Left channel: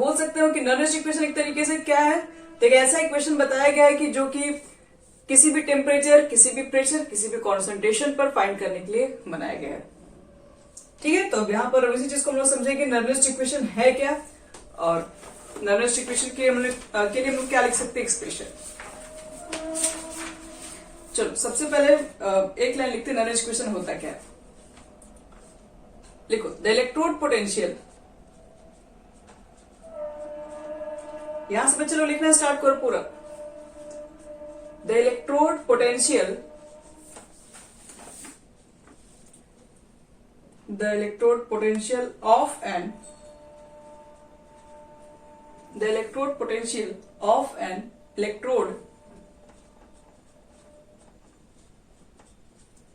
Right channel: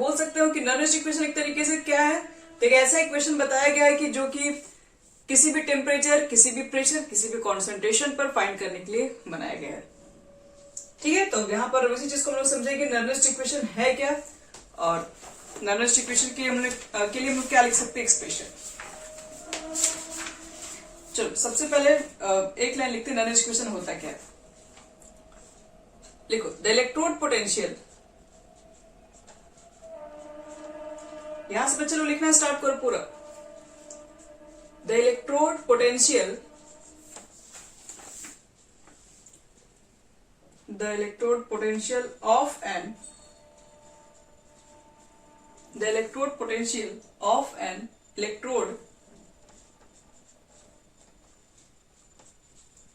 बोल सकते हो कि नर्निस्ट इक्वेशन एक तरीके से क्या है, तो एक ऐसा इक्वेशन बताया गया है कि जो कि किसी भी टेम्परेचर, किसी भी प्रेशर, किसी भी कॉन्सेंट्रेशन पर फाइंड करने के लिए बनाया गया है। ठीक है, तो यहाँ पर इसी चीज को हम लोग समझेंगे नर्निस्ट इक्वेशन है क्या, और नर्निस्ट इक्वेशन के लिए हम लोग क्या लिख सकते हैं एक्सप्रेशन। चलो सबसे पहले एक लाइन लिखते हैं नर्निस्ट इक्वेशन होता क्या है। लिखो द इलेक्ट्रोड पोटेंशियल, यहां से बच्चे लोग लिखना स्टार्ट करो पूरा। The electrode potential, the electrode potential of an, the electrode potential of an electrode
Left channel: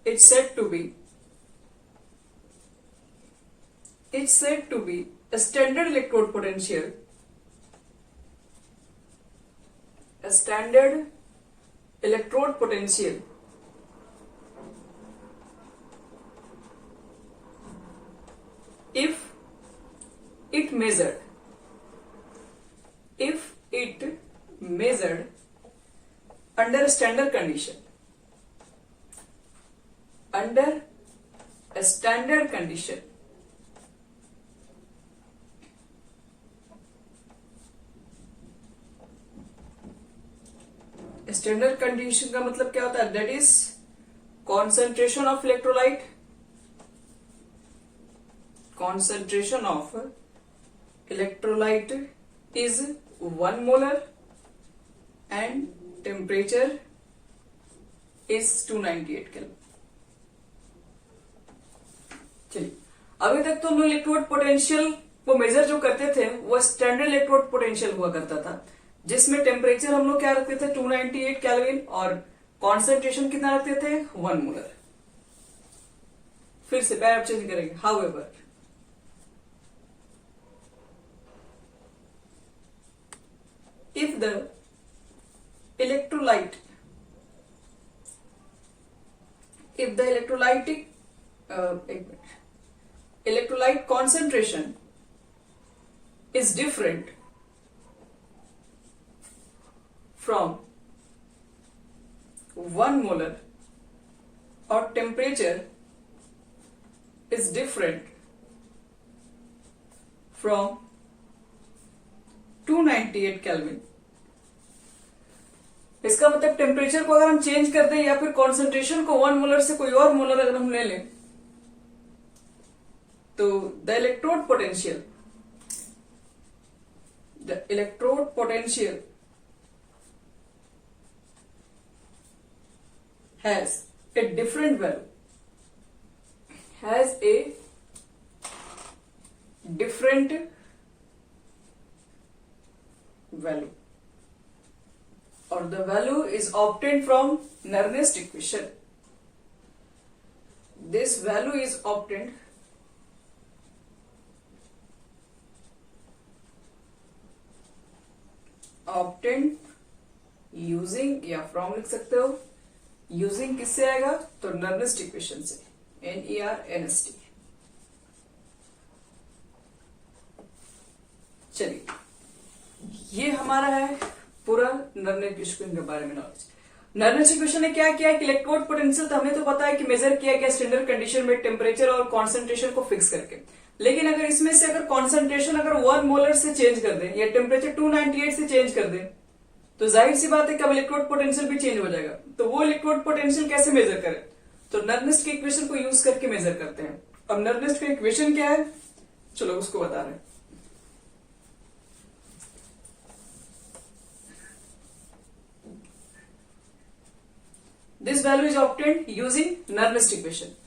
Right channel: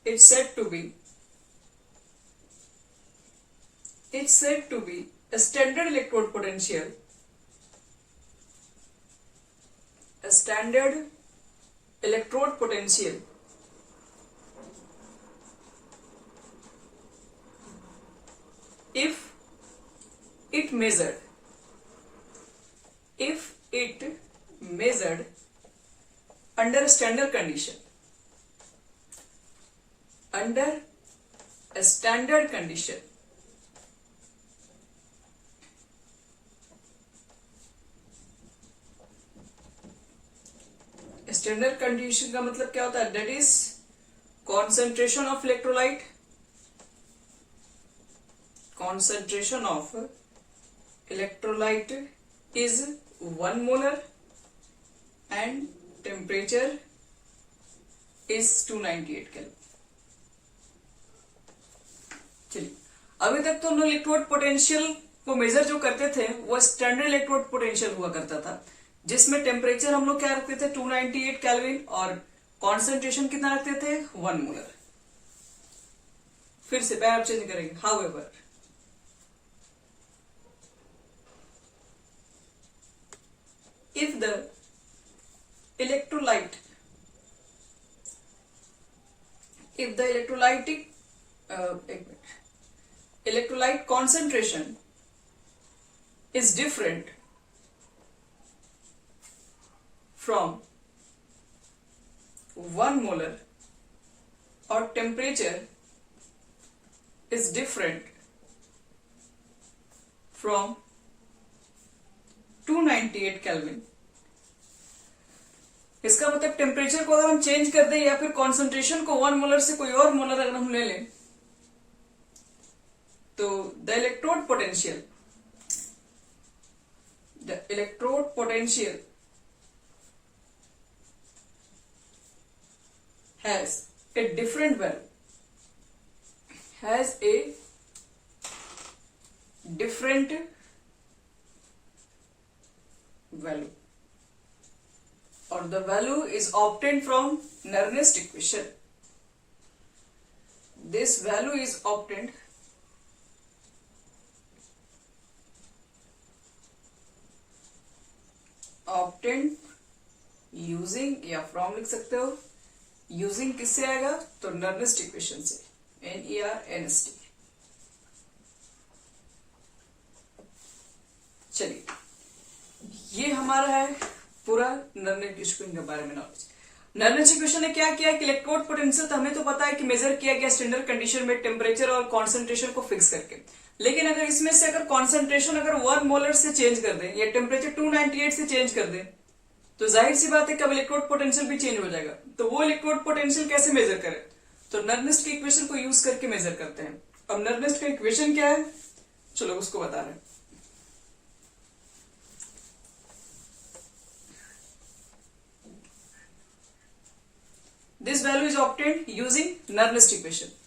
it's said to be a standard electrode potential, a standard electrode potential if it measured under a standard condition, under a standard condition, standard condition का मतलब क्या होता है, that is concentration of electrolyte, concentration of electrolyte is 1 molar and temperature is 298 kelvin. चलिए, अभी तक तो हम लोग इलेक्ट्रोड पोटेंशियल को मेजर जो करते थे वो स्टैंडर्ड इलेक्ट्रोड पोटेंशियल हुआ करता था, जिसमें टेम्परेचर हम लोग क्या रखते थे 298 केल्विन और कॉन्सेंट्रेशन कितना रखते थे 1 मोलर। फिर से पैर चेंज करेंगे। However if the electrolyte, if the electrolyte concentration is different from 1 molar or temperature is different from 298 kelvin, इसका मतलब टेम्परेचर को अगर हम चेंज कर दें या फिर कॉन्सेंट्रेशन को 1 मोलर से कोई और मोलर अगर हम ले लें, तो the electrode potential has a different value, has a different value, or the value is obtained from Nernst equation. This value is obtained using, या फ्रॉम लिख सकते हो, यूजिंग किससे आएगा तो नर्निस्ट इक्वेशन से, NERNST। चलिए, ये हमारा है पूरा नर्निस्ट इक्वेशन के बारे में नॉलेज। नर्निस्ट इक्वेशन ने क्या किया कि इलेक्ट्रोड पोटेंशियल तो हमें तो पता है कि मेजर किया गया स्टैंडर्ड कंडीशन में टेम्परेचर और कॉन्सेंट्रेशन को फिक्स करके, लेकिन अगर इसमें से अगर कॉन्सेंट्रेशन अगर 1 मोलर से चेंज कर दें या टेम्परेचर 298 से चेंज कर दें, तो जाहिर सी बात है कि अब इलेक्ट्रोड पोटेंशियल भी चेंज हो जाएगा। तो वो इलेक्ट्रोड पोटेंशियल कैसे मेजर करें, तो नर्निस्ट के इक्वेशन को यूज करके मेजर करते हैं। अब नर्निस्ट का इक्वेशन क्या है, चलो उसको बता रहे हैं। This value is obtained using Nernst equation.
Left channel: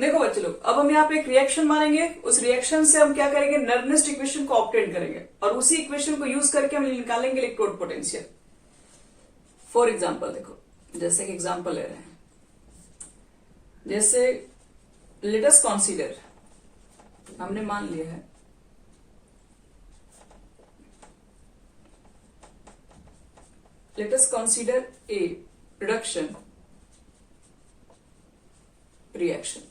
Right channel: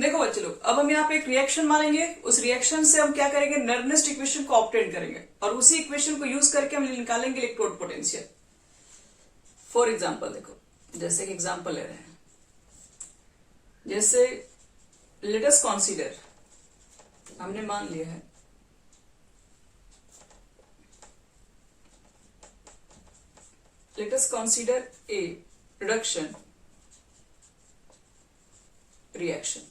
देखो बच्चे लोग, अब हम यहाँ पे एक रिएक्शन मानेंगे, उस रिएक्शन से हम क्या करेंगे, नर्निस्ट इक्वेशन को ऑब्टेन करेंगे और उसी इक्वेशन को यूज करके हम निकालेंगे इलेक्ट्रोड पोटेंशियल। फॉर एग्जांपल देखो, जैसे कि एग्जांपल ले रहे हैं, जैसे लेट अस कंसीडर, हमने मान लिया है let us consider a reduction reaction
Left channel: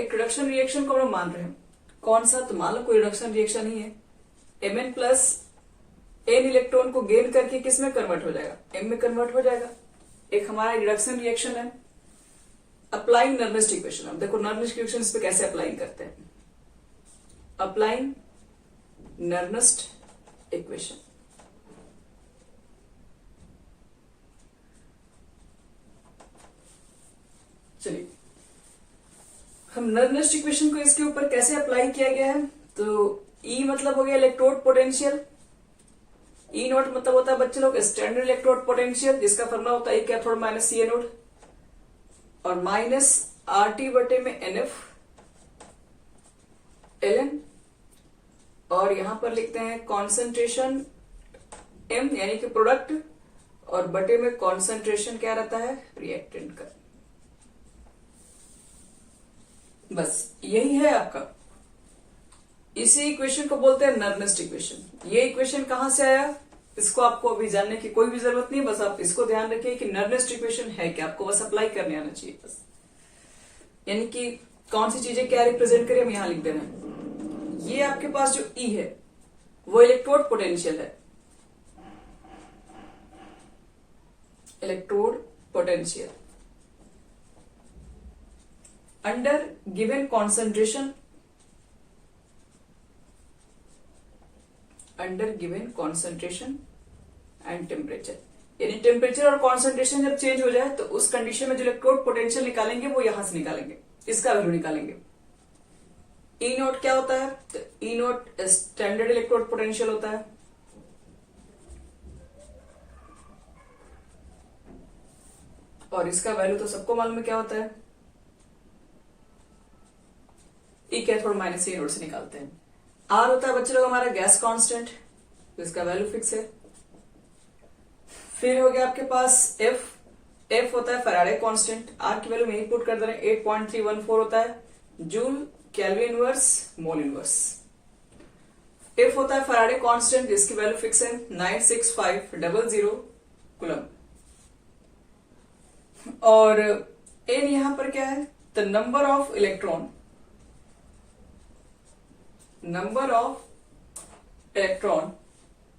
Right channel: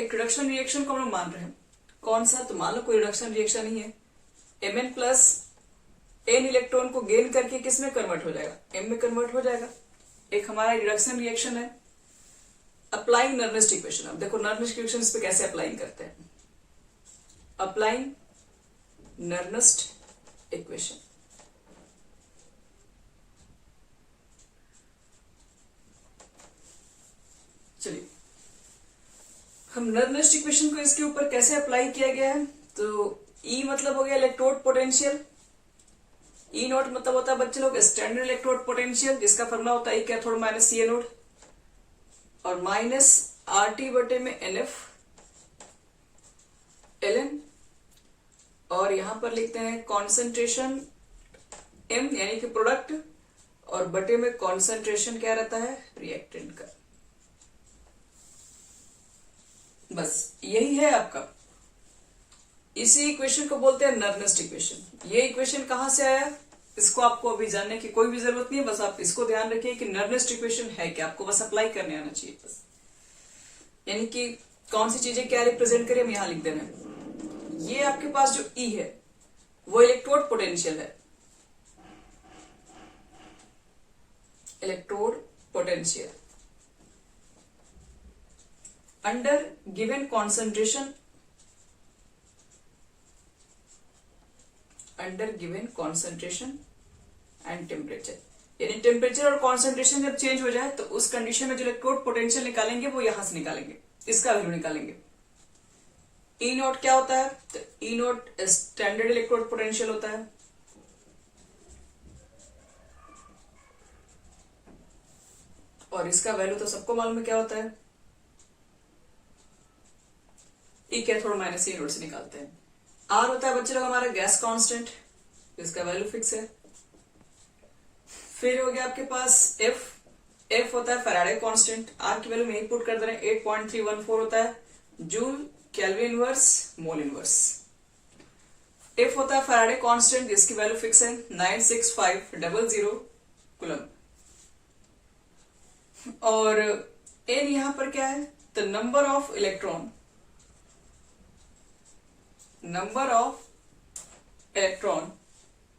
एक रिडक्शन रिएक्शन को हम लोग मान रहे हैं, कौन सा, तो मान लो कोई रिडक्शन रिएक्शन ही है, Mn प्लस n इलेक्ट्रॉन को गेन करके किस में कन्वर्ट हो जाएगा, m में कन्वर्ट हो जाएगा। एक हमारा रिडक्शन रिएक्शन है। अप्लाइंग नर्नेस्ट इक्वेशन, अब देखो नर्नेस्ट इक्वेशन इस पे कैसे अप्लाई करते हैं। अप्लाइंग नर्नेस्ट इक्वेशन, चलिए हम नर्नेस्ट इक्वेशन को इसके ऊपर कैसे अप्लाई किया गया है, तो E मतलब हो गया इलेक्ट्रोड पोटेंशियल, E नोट मतलब होता है बच्चे लोग स्टैंडर्ड इलेक्ट्रोड पोटेंशियल, जिसका फॉर्मूला होता है कैथोड माइनस सी एनोड, और माइनस RT बटे में NF ln, और यहां पर लिखते हैं कॉन्सेंट्रेशन M यानी कि प्रोडक्ट, और बटे में कॉन्सेंट्रेशन क्या रहता है, रिएक्टेंट का। बस यही है आपका। इसी इक्वेशन को बोलते हैं नर्नेस्ट इक्वेशन। ये इक्वेशन कहां से आया, इसको आपको अभी जानने की कोई भी जरूरत नहीं है, बस आप इसको ध्यान रखिए कि नर्नेस्ट इक्वेशन है क्या, आपको बस अप्लाई करने आना चाहिए बस। यानी कि कौन सी चीजें क्या रिप्रेजेंट करें हम यहां लिख दे रहे हैं। ये आपके पास जो E है वो इलेक्ट्रोड पोटेंशियल है, electrode potential under given concentration, under given concentration and temperature. यानी टेम्परेचर और कॉन्सेंट्रेशन जब चेंज हो जाए तो उस कंडीशन में जो इलेक्ट्रोड पोटेंशियल निकालेंगे वो यहां से निकालेंगे, इसका वैल्यू निकालेंगे। ई नोट क्या होता है, तो ई नोट स्टैंडर्ड इलेक्ट्रोड पोटेंशियल होता है, और इसका वैल्यू तो सबको मालूम है क्या होता है, ई कैथोड माइनस सी एनोड से निकालते हैं। आर होता है बच्चे लोग हमारा गैस कांस्टेंट, इसका वैल्यू फिक्स है। फिर हो गया आपके पास एफ, एफ होता है फैराडे कांस्टेंट, आर की वैल्यू में ही पुट कर दे रहे हैं 8.314 होता है joule kelvin inverse mole inverse. F होता है फैराडे कांस्टेंट जिसकी वैल्यू फिक्स है 96500 कूलम। और एन यहां पर क्या है, the number of electron, number of electron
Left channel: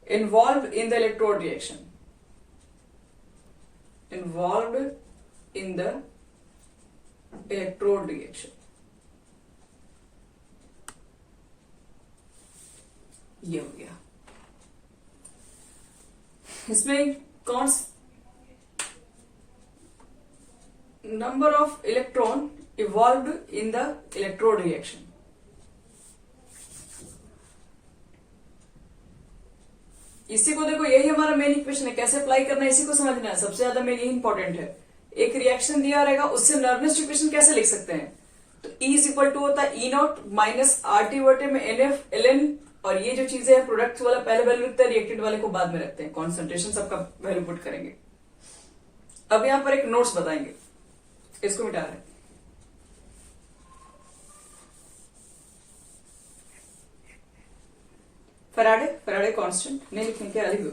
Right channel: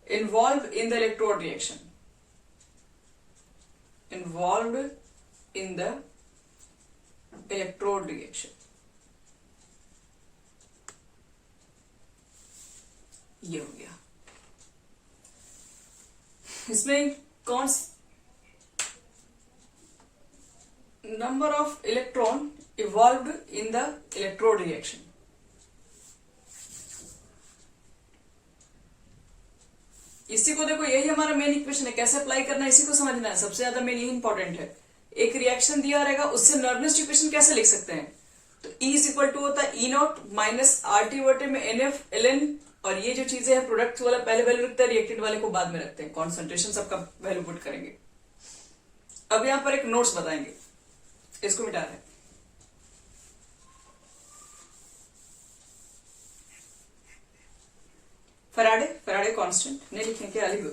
involved in the electrode reaction, involved in the electrode reaction, ये हो गया। इसमें कौन number of electron evolved in the electrode reaction, इसी को देखो यही हमारा मेन इक्वेशन है, कैसे अप्लाई करना है इसी को समझना है, सबसे ज्यादा मेन यही इंपॉर्टेंट है। एक रिएक्शन दिया रहेगा उससे नर्नेस्ट इक्वेशन कैसे लिख सकते हैं, तो E इज इक्वल टू होता है E नॉट माइनस RT बटे में NF ln, और ये जो चीजें हैं प्रोडक्ट वाला पहले वैल्यू रखते हैं, रिएक्टेंट वाले को बाद में रखते हैं, कॉन्सेंट्रेशन सबका वैल्यू पुट करेंगे। अब यहां पर एक नोट्स बताएंगे, इसको मिटा रहे हैं। फैराडे, फैराडे कांस्टेंट नहीं लिखने के लिख दो,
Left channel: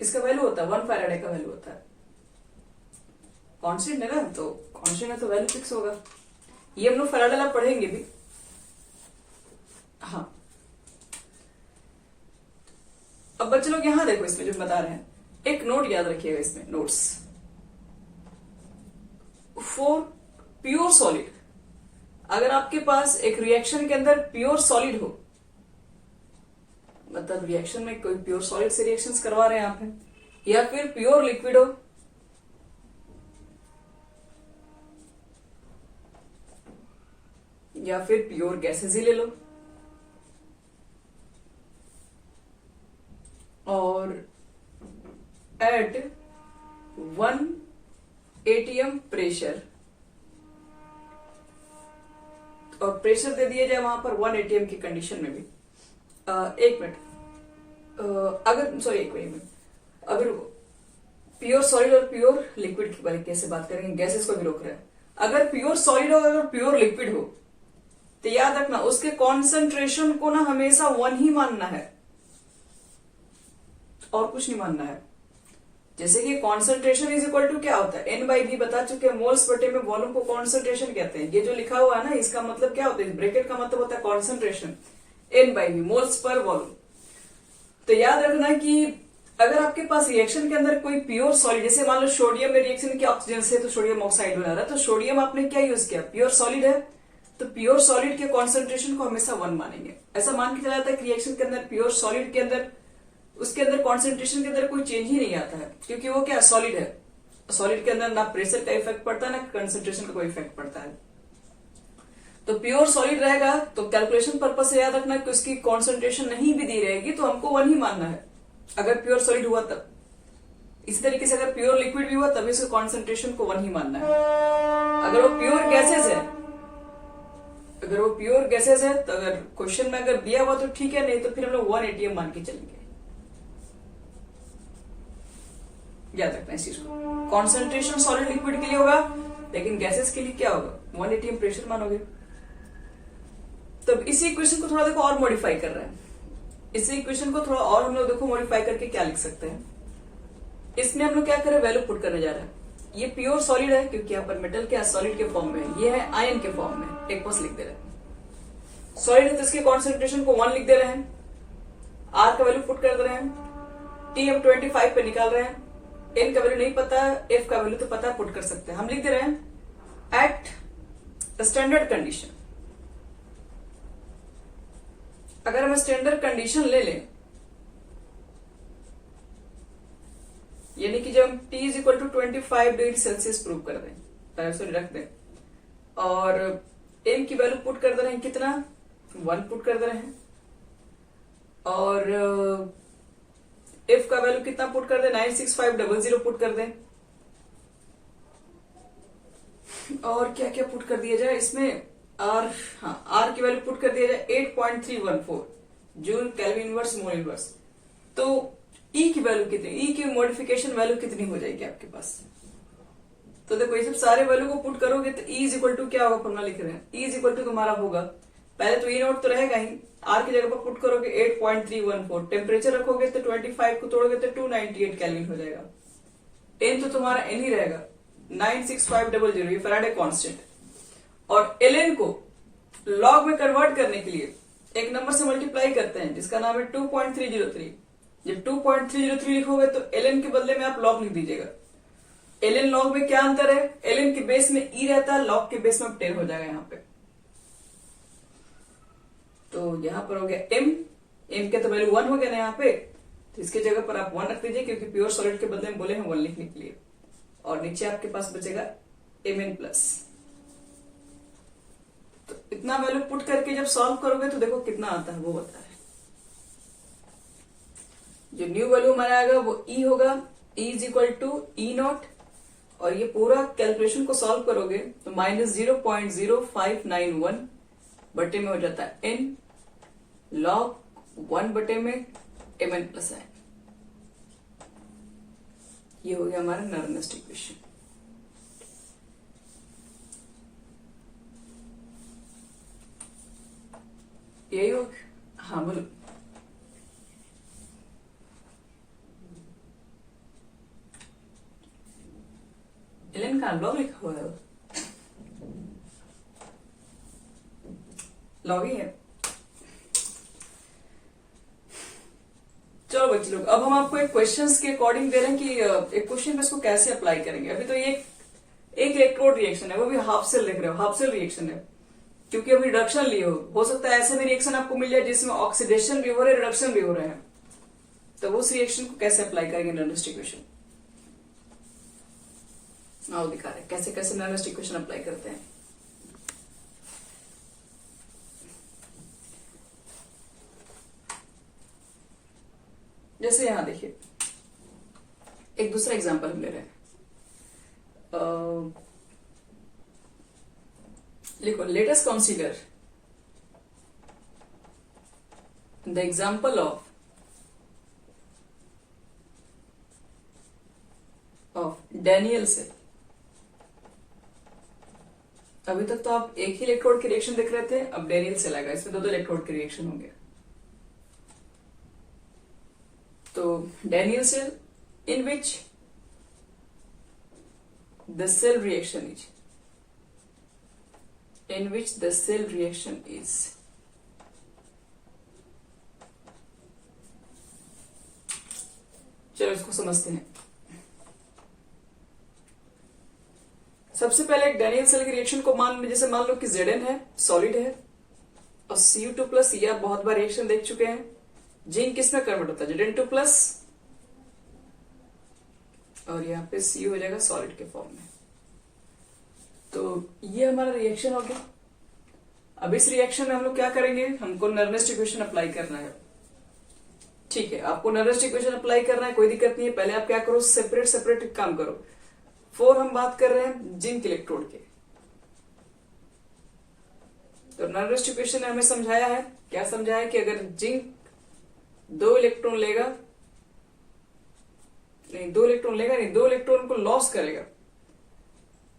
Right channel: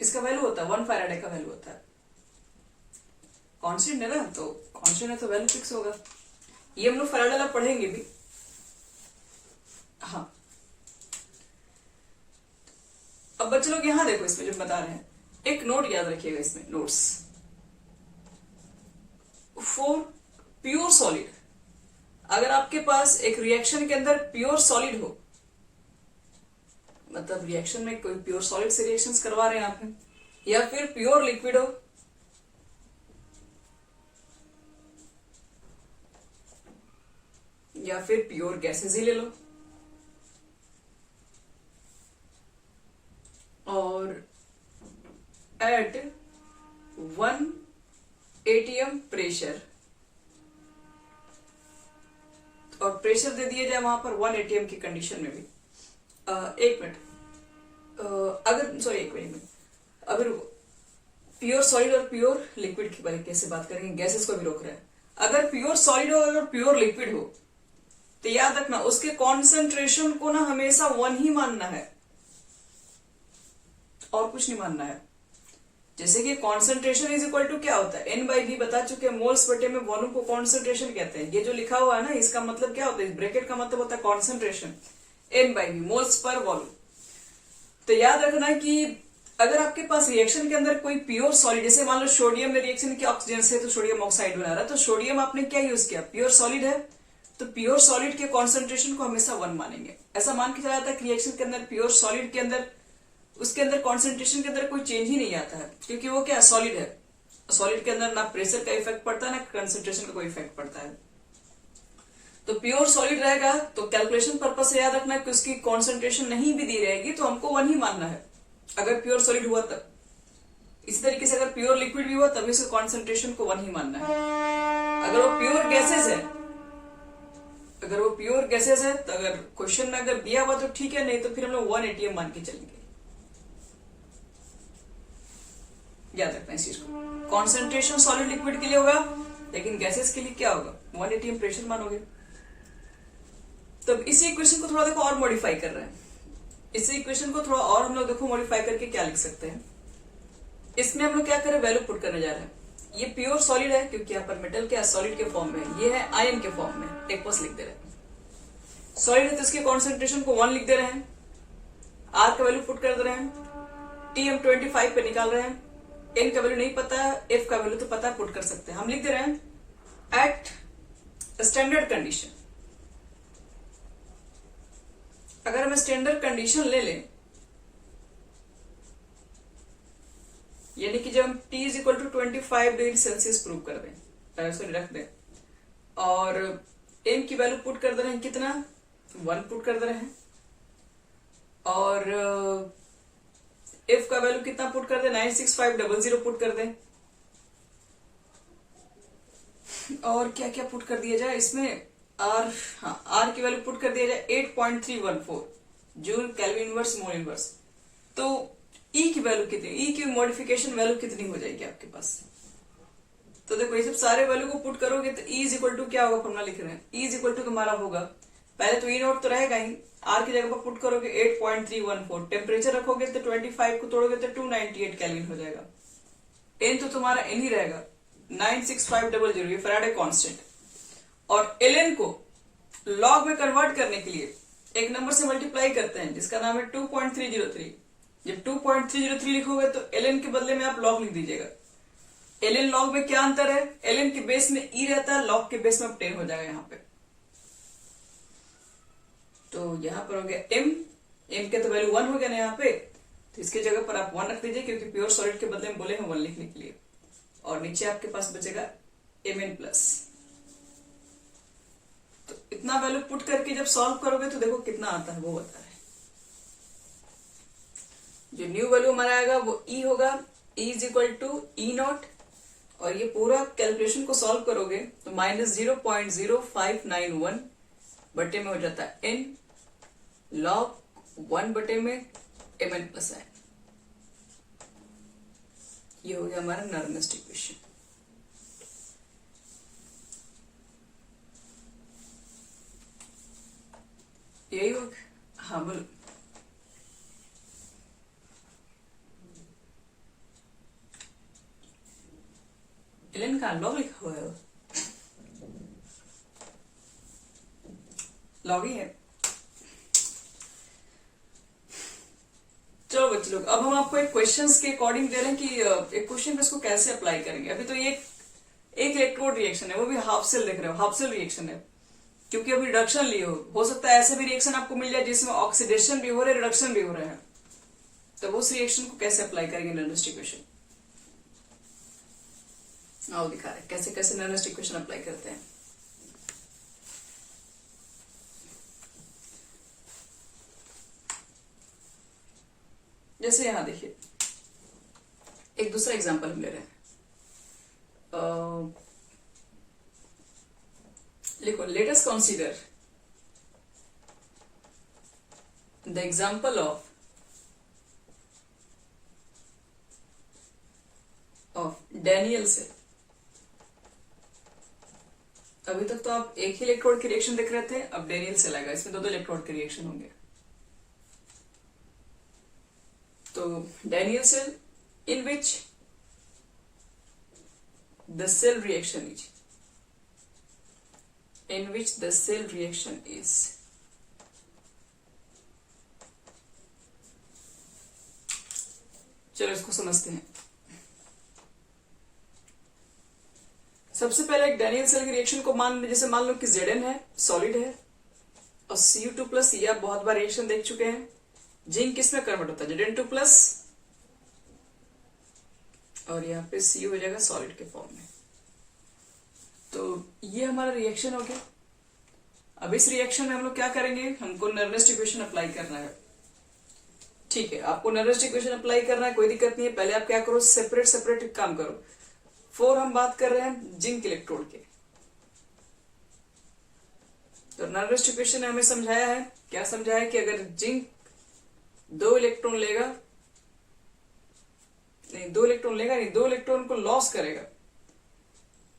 इसका वैल्यू होता है 1 फैराडे का वैल्यू होता है, कांस्टेंट है ना, तो कांस्टेंट है तो वैल्यू फिक्स होगा। ये हम लोग फैराडे ला पढ़ेंगे भी। हाँ अब बच्चे लोग यहां देखो, इसमें जो बता रहे हैं एक नोट याद रखिएगा, इसमें नोट्स फॉर प्योर सॉलिड, अगर आपके पास एक रिएक्शन के अंदर प्योर सॉलिड हो, मतलब रिएक्शन में कोई प्योर सॉलिड से रिएक्शंस करवा रहे हैं आप, या फिर प्योर लिक्विड हो, या फिर प्योर गैसेस ही ले लो, और एट 1 atm प्रेशर, और प्रेशर दे दिया जाए वहां पर 1 atm की कंडीशन में भी। एक मिनट, अगर सॉरी एक मिनट, अगर प्योर सॉलिड और प्योर लिक्विड की बारे कैसे बात करेंगे, गैसेस को भी रोक रहे हैं। अगर प्योर सॉलिड हो, अगर प्योर लिक्विड हो, तो याद रखना उसके कॉन्सेंट्रेशन को ना हमेशा 1 ही मानना है और कुछ नहीं मानना है। जैसे कि कॉन्सेंट्रेशन इज इक्वल टू क्या होता है, एन बाई वी बता चुके हैं, मोल्स बटे में वॉल्यूम को कॉन्सेंट्रेशन कहते हैं। ये जो लिखा हुआ है ना, इसका मतलब क्या होता है, ब्रैकेट का मतलब होता है concentration, n by V, moles पर वॉल्यूम। तो याद रखना कि अगर आपके पास रिएक्शन के अंदर कोई प्योर सॉलिड, जैसे मान लो सोडियम में रिएक्शन किया ऑक्सीजन से तो सोडियम ऑक्साइड बना रहा है, तो सोडियम आपने क्या यूज किया, प्योर सॉलिड है, तो प्योर सॉलिड के कॉन्सेंट्रेशन को हमेशा 1 मानेंगे। ऐसा मान के चला जाता है कि रिएक्शन के अंदर प्योर सॉलिड के अंदर, उसके अंदर कॉन्सेंट्रेशन के अंदर कोई चेंज ही नहीं आता है, क्योंकि वो क्या सॉलिड है। सॉलिड के अंदर ना प्रेशर का इफेक्ट पड़ता है ना कंसेंट्रेशन का कोई इफेक्ट पड़ता है। तो प्योर सॉलिड रहेगा तो कैलकुलेशन पर्पज से याद रखना कि उसकी कॉन्सेंट्रेशन नहीं भी दी रहेगी तो हमको 1 ही मानना है, अगर प्योर सॉलिड हुआ तब। इसी तरीके से अगर प्योर लिक्विड भी हुआ तब इसके कॉन्सेंट्रेशन को 1 ही मानना है। अगर वो प्योर गैसेस है, अगर वो प्योर गैसेस है तो अगर क्वेश्चन में अगर दिया हुआ तो ठीक है, नहीं तो फिर हम लोग 1 ATM मान के चलेंगे। याद रखना इस चीज को, कॉन्सेंट्रेशन सॉलिड लिक्विड के लिए होगा, लेकिन गैसेस के लिए क्या होगा, 1 ATM प्रेशर मानोगे। तब इसी इक्वेशन को थोड़ा देखो और मॉडिफाई कर रहे हैं, इसी इक्वेशन को थोड़ा और हम लोग देखो मॉडिफाई करके क्या लिख सकते हैं। इसमें हम लोग क्या करें, वैल्यू पुट करने जा रहे हैं। ये प्योर सॉलिड है क्योंकि यहाँ पर मेटल क्या सॉलिड के फॉर्म में है, ये है आयन के फॉर्म में, एक पास लिख दे रहे हैं। सॉलिड है तो इसके कॉन्सेंट्रेशन को 1 लिख दे रहे हैं, आर का वैल्यू पुट कर दे रहे हैं, टी हम 25 पे निकाल रहे हैं, एन का वैल्यू नहीं पता है, एफ का वैल्यू तो पता है, पुट कर सकते हैं। हम लिख दे रहे हैं एट स्टैंडर्ड कंडीशन। अगर हम स्टैंडर्ड कंडीशन ले लें, यानी कि जब हम T is equal to 25 degree Celsius prove कर दें, सॉरी रख दें, और M की वैल्यू पुट कर दे रहे हैं, कितना 1 पुट कर दे रहे हैं, और F का वैल्यू कितना पुट कर दे, 96500 पुट कर दें, और क्या क्या पुट कर दिया जाए इसमें, आर, हाँ आर की वैल्यू पुट कर दिया जाए 8.314 joule kelvin inverse mole inverse. तो ई की वैल्यू कितनी, ई की मॉडिफिकेशन वैल्यू कितनी हो जाएगी आपके पास। तो देखो ये सब सारे वैल्यू को पुट करोगे तो ई इज इक्वल टू क्या होगा, फॉर्मूला लिख रहे हैं, ई इज इक्वल टू तुम्हारा होगा, पहले तो ई नोट तो रहेगा ही, आर की जगह पर पुट करोगे 8.314, टेम्परेचर रखोगे तो 25 को तोड़ोगे तो 298 केल्विन हो जाएगा, एन तो तुम्हारा एन ही रहेगा 96500, ये फैराडे कांस्टेंट, और एलएन को लॉग में कन्वर्ट करने के लिए एक नंबर से मल्टीप्लाई करते हैं जिसका नाम है 2.303। जब 2.303 लिखोगे तो एलएन के बदले में आप लॉग लिख दीजिएगा। एलएन लॉग में क्या अंतर है, एलएन के बेस में ई रहता है, लॉग के बेस में 10 हो जाएगा यहाँ पे। तो यहाँ पर हो गया एम, एम के तो वैल्यू 1 हो गया ना यहाँ पे, तो इसके जगह पर आप 1 रख दीजिए क्योंकि प्योर सॉलिड के बदले में बोले हैं 1 लिखने के लिए, और नीचे आपके पास बचेगा Mn प्लस। तो इतना वैल्यू पुट करके जब सॉल्व करोगे तो देखो कितना आता है वो बता रहे हैं। जो न्यू वैल्यू हमारा आएगा वो ई होगा, E is equal to E naught, और ये पूरा कैलकुलेशन को सॉल्व करोगे तो -0.0591 बटे में हो जाता है एन, लॉग 1 बटे में Mn प्लस है। ये हो गया हमारा नर्नेस्ट इक्वेशन। यही हो, हाँ बोलो। एलन का लॉग लिखा हुआ है, लॉग ही है। चलो बच्चे लोग, अब हम आपको एक क्वेश्चंस के अकॉर्डिंग दे रहे हैं कि एक क्वेश्चन में इसको कैसे अप्लाई करेंगे। अभी तो ये एक इलेक्ट्रोड रिएक्शन है, वो भी हाफ सेल लिख रहे हो, हाफ सेल रिएक्शन है क्योंकि अभी रिडक्शन लिए हो सकता है ऐसे भी रिएक्शन आपको मिल जाए जिसमें ऑक्सीडेशन भी हो रहा है, रिडक्शन भी हो रहे हैं, तो उस रिएक्शन को कैसे अप्लाई करेंगे नर्नेस्ट इक्वेशन, आओ दिखा रहे कैसे कैसे नर्नेस्ट इक्वेशन अप्लाई करते हैं। जैसे यहां देखिए एक दूसरा एग्जांपल हम ले रहे हैं, लिखो let us consider the example of Daniell cell. अभी तक तो आप एक ही इलेक्ट्रोड की रिएक्शन देख रहे थे, अब डैनियल सेल आएगा, इसमें दो इलेक्ट्रोड के रिएक्शन होंगे। तो Daniell cell in which the cell reaction is, in which the cell reaction is. चलो इसको समझते हैं। सबसे पहले एक डैनियल सेल की रिएक्शन को जैसे मान लो कि Zn है, सॉलिड है, और Cu2 प्लस, ये आप बहुत बार रिएक्शन देख चुके हैं। जिंक किस में कन्वर्ट होता है? Zn2 प्लस, और यहाँ पे Cu हो जाएगा सॉलिड के फॉर्म में। तो ये हमारा रिएक्शन हो गया। अब इस रिएक्शन में हम लोग क्या करेंगे, हमको नर्नेस्ट इक्वेशन अप्लाई करना है। ठीक है, आपको नर्नेस्ट इक्वेशन अप्लाई करना है, कोई दिक्कत नहीं है। पहले आप क्या करो, सेपरेट सेपरेट काम करो। 4 हम बात कर रहे हैं जिंक इलेक्ट्रोड के। तो नर्नेस्ट इक्वेशन ने हमें समझाया है, क्या समझाया है कि अगर जिंक 2 इलेक्ट्रॉन लेगा, नहीं 2 इलेक्ट्रॉन लेगा नहीं, 2 इलेक्ट्रॉन को लॉस करेगा,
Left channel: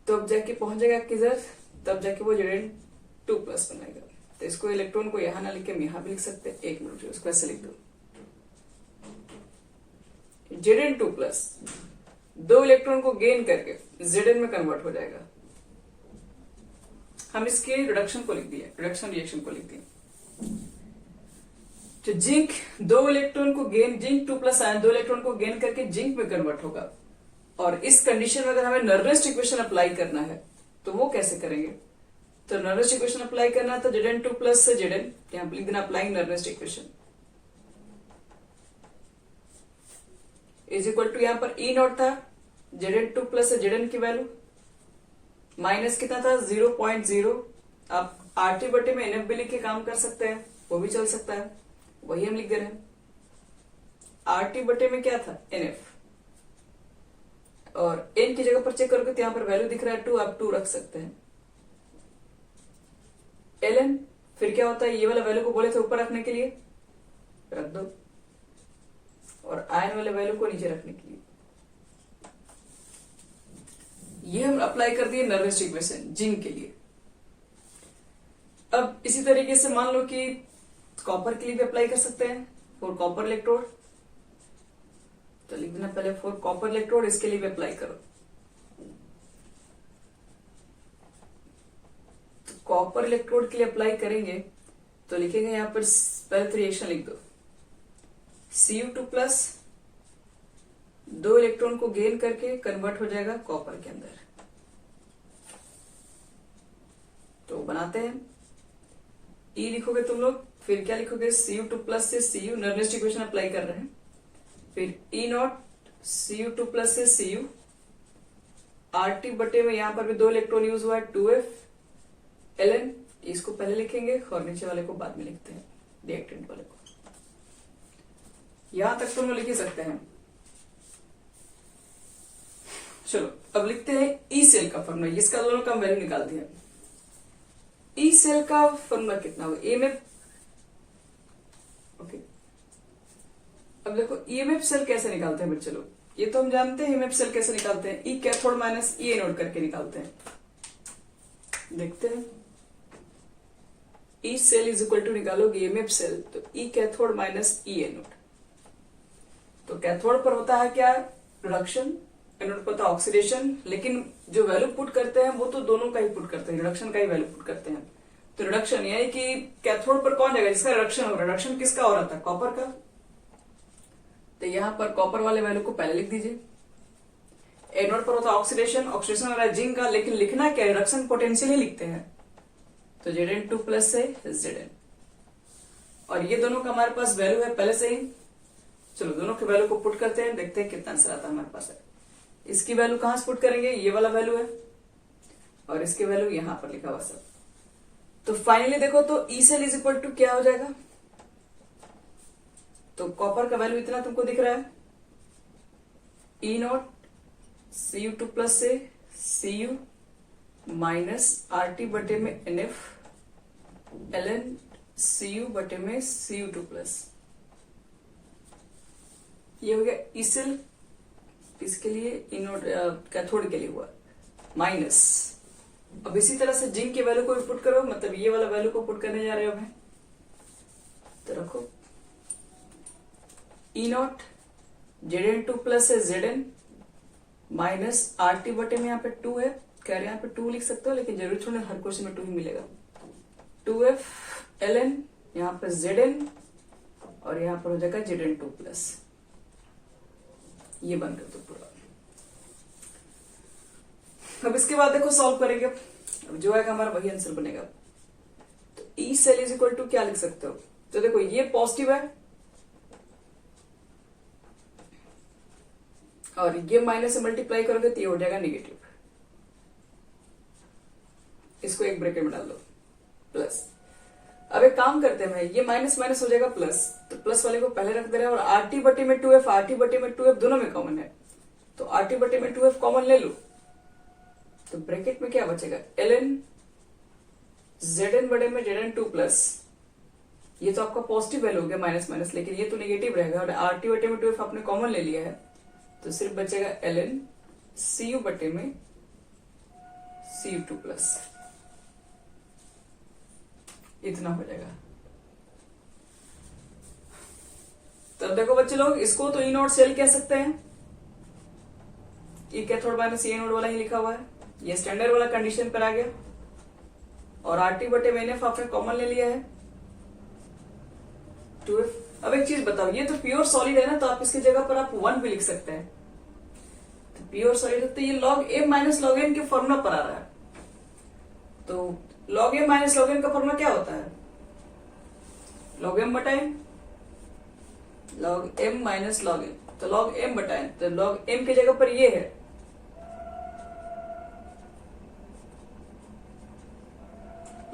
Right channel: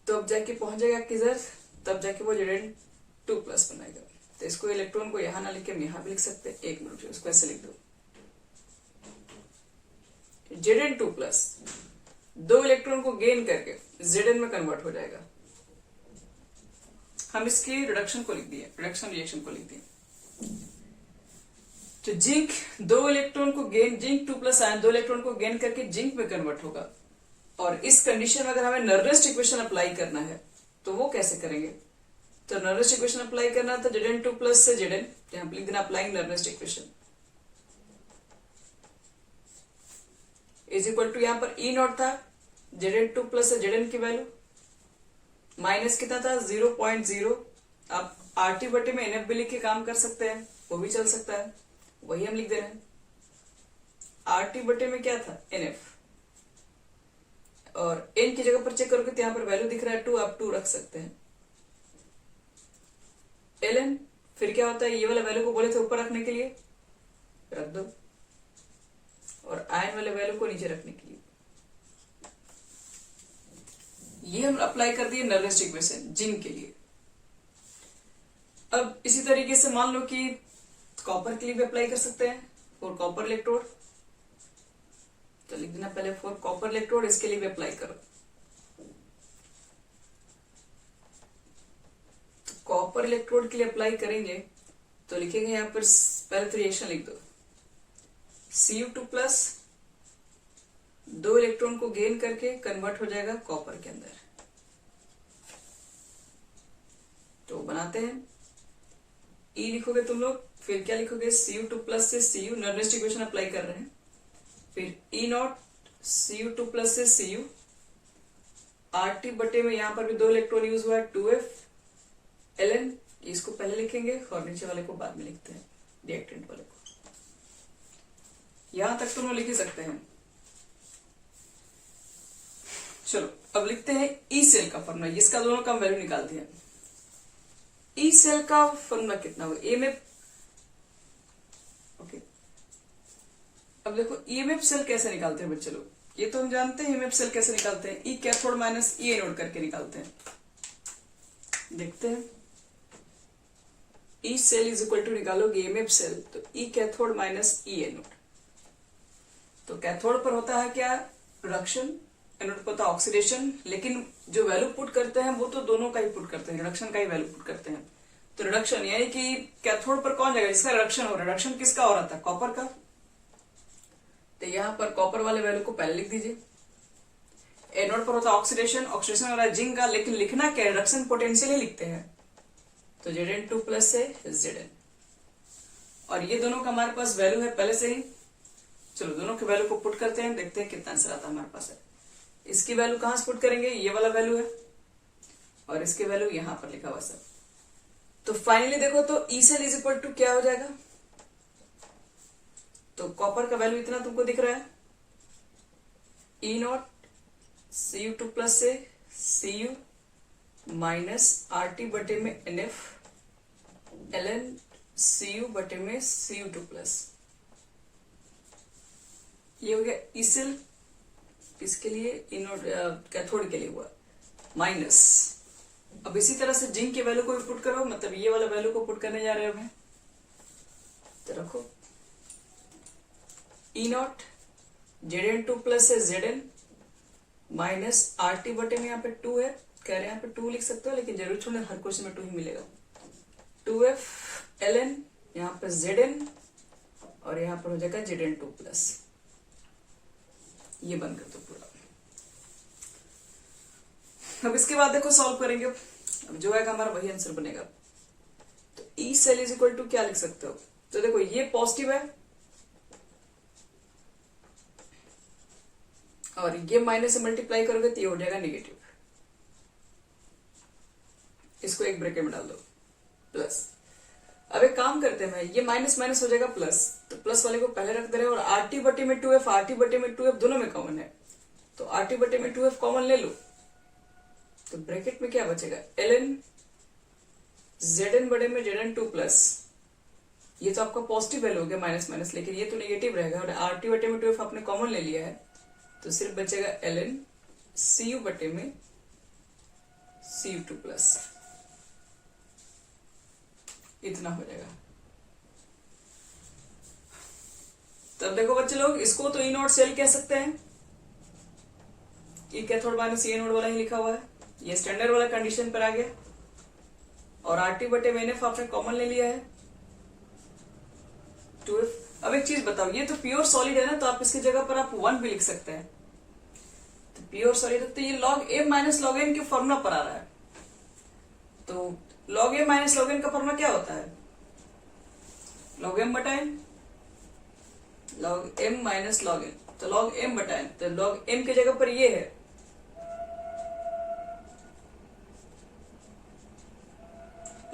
तो अब जाके पहुंच जाएगा किधर, तब जाके वो Zn2 प्लस बनाएगा। तो इसको इलेक्ट्रॉन को यहां ना लिख के हम यहां भी लिख सकते हैं। एक मिनट, इसको ऐसे लिख दो, Zn2 प्लस 2 इलेक्ट्रॉन को गेन करके Zn में कन्वर्ट हो जाएगा। हम इसके रिडक्शन को लिख दिए, रिडक्शन रिएक्शन को लिख दिए। तो जिंक 2 इलेक्ट्रॉन को gain, zinc 2 plus ion 2 electron को गेन करके जिंक में कन्वर्ट होगा। और इस कंडीशन में अगर हमें नर्नेस्ट इक्वेशन अप्लाई करना है तो वो कैसे करेंगे? तो नर्नेस्ट इक्वेशन अप्लाई करना था Zn2 प्लस से Zn, यहां लिख देना applying Nernst equation is equal to, यहां पर E0 था, Zn2 प्लस से Zn की वैल्यू माइनस कितना था 0.0। आप RT बटे में NF भी लिख के काम कर सकते हैं, वो भी चल सकता है, वही हम लिख दे रहे हैं। RT बटे में क्या था NF, और N की जगह पर चेक करोगे तो यहां पर वैल्यू दिख रहा है 2, आप 2 रख सकते हैं। Ln फिर क्या होता है, ये वाला वैल्यू को बोले थे ऊपर रखने के लिए, रख दो, और आयन वाले वैल्यू को नीचे रखने के लिए। ये हम अप्लाई कर दिए नर्नेस्ट इक्वेशन जिंक के लिए। अब इसी तरीके से मान लो कि कॉपर के लिए भी अप्लाई कर सकते हैं, फॉर कॉपर इलेक्ट्रोड। तो लिख देना पहले फॉर कॉपर इलेक्ट्रोड, इसके लिए भी अप्लाई करो। तो कॉपर इलेक्ट्रोड के लिए अप्लाई करेंगे तो लिखेंगे यहां पर पहले तो रिएक्शन लिख दो, Cu2 प्लस 2 इलेक्ट्रॉन को गेन करके कन्वर्ट हो जाएगा कॉपर के अंदर। तो बनाते हैं, E लिखोगे तुम लोग, फिर क्या लिखोगे Cu2 प्लस से Cu, नर्नेस्ट इक्वेशन अप्लाई कर रहे हैं, फिर E0 Cu2 प्लस से Cu, RT बटे में यहां पर भी 2 इलेक्ट्रॉन यूज हुआ है 2F, Ln इसको पहले लिखेंगे और नीचे वाले को बाद में लिखते हैं, रिएक्टेंट वाले को। यहां तक तो हम लिख ही सकते हैं। चलो अब लिखते हैं ई सेल का फॉर्मूला, जिसका दोनों का वैल्यू निकाल दिया। ई सेल का फॉर्मूला कितना हुआ, ईएमएफ। ओके, अब देखो ईएमएफ सेल कैसे निकालते हैं बच्चे लोग, ये तो हम जानते हैं ईएमएफ सेल कैसे निकालते हैं, E cathode minus E anode करके निकालते हैं। देखते हैं, E cell is equal to निकालोगे ईएमएफ सेल, तो E cathode minus E anode. तो कैथोड पर होता है क्या, रिडक्शन, एनोड पर होता है ऑक्सीडेशन, लेकिन जो वैल्यू पुट करते हैं वो तो दोनों का ही पुट करते हैं, रिडक्शन का ही वैल्यू पुट करते हैं। तो रिडक्शन यानी कि कैथोड पर कौन जाएगा, जिसका रिडक्शन हो, रिडक्शन किसका हो रहा था, कॉपर का। तो यहां पर कॉपर वाले वैल्यू को पहले लिख दीजिए। एनोड पर होता है ऑक्सीडेशन, ऑक्सीडेशन वाला जिंक का, लेकिन लिखना क्या, रिडक्शन पोटेंशियल ही लिखते हैं। तो Zn2 प्लस से Zn, और ये दोनों का हमारे पास वैल्यू है पहले से ही। चलो दोनों के वैल्यू को पुट करते हैं, देखते हैं कितना आंसर आता है हमारे पास है। इसकी वैल्यू कहां से पुट करेंगे, ये वाला वैल्यू है, और इसकी वैल्यू यहां पर लिखा हुआ सब। तो फाइनली देखो तो E cell is equal to क्या हो जाएगा, तो कॉपर का वैल्यू इतना तुमको दिख रहा है, E0 Cu2 प्लस से Cu माइनस RT बटे में NF Ln Cu बटे में Cu2 प्लस। ये हो गया ई सेल, इसके लिए इनोड कैथोड के लिए हुआ माइनस। अब इसी तरह से जिंक के वैल्यू को भी पुट करो, मतलब ये वाला वैल्यू को पुट करने जा रहे हो भाई। तो रखो E0 Zn2 प्लस है Zn माइनस आर टी बटे में यहाँ पे 2 है, कह रहे हैं यहाँ पे 2 लिख सकते हो, लेकिन जरूर छोड़े, हर क्वेश्चन में 2 ही मिलेगा। 2f ln, यहाँ पे zn, और यहाँ पर हो जाएगा zn2 प्लस, ये बन कर दो पूरा। अब इसके बाद देखो सॉल्व करेंगे, अब जो आएगा हमारा वही आंसर बनेगा। तो E cell is equal to क्या लिख सकते हो, तो देखो ये पॉजिटिव है और ये माइनस से मल्टीप्लाई करोगे तो ये हो जाएगा नेगेटिव, इसको एक ब्रैकेट में डाल दो प्लस। अब एक काम करते हैं, ये माइनस माइनस हो जाएगा प्लस, तो प्लस वाले को पहले रख दे रहे हैं, और आर टी बटे में 2f, आर टी बटे में 2f दोनों में कॉमन है, तो आर टी बटे में 2f कॉमन ले लो, तो ब्रैकेट में क्या बचेगा, ln zn बटे में zn2 प्लस, ये तो आपका पॉजिटिव वैल्यू हो गया माइनस माइनस, लेकिन ये तो नेगेटिव रहेगा, और आर टी बटे में 2f आपने कॉमन ले लिया है, तो सिर्फ बचेगा ln cu बटे में cu2 प्लस, इतना हो जाएगा। तो अब देखो बच्चे लोग, इसको तो ई नॉट सेल कह सकते हैं, ये कैथोड माइनस ए नोड वाला ही लिखा हुआ है, ये स्टैंडर्ड वाला कंडीशन पर आ गया, और आर टी बटे में एनएफ आपने कॉमन ले लिया है 2f। अब एक चीज बताओ, ये तो प्योर सॉलिड है ना, तो आप इसकी जगह पर आप 1 भी लिख सकते हैं, तो प्योर सॉलिड है, तो ये log m minus log n के फॉर्मूला पर आ रहा है, तो log m minus log n का फॉर्मूला क्या होता है, log m बटा n, log m minus log n, तो log m बटा n, तो log m की जगह पर ये है,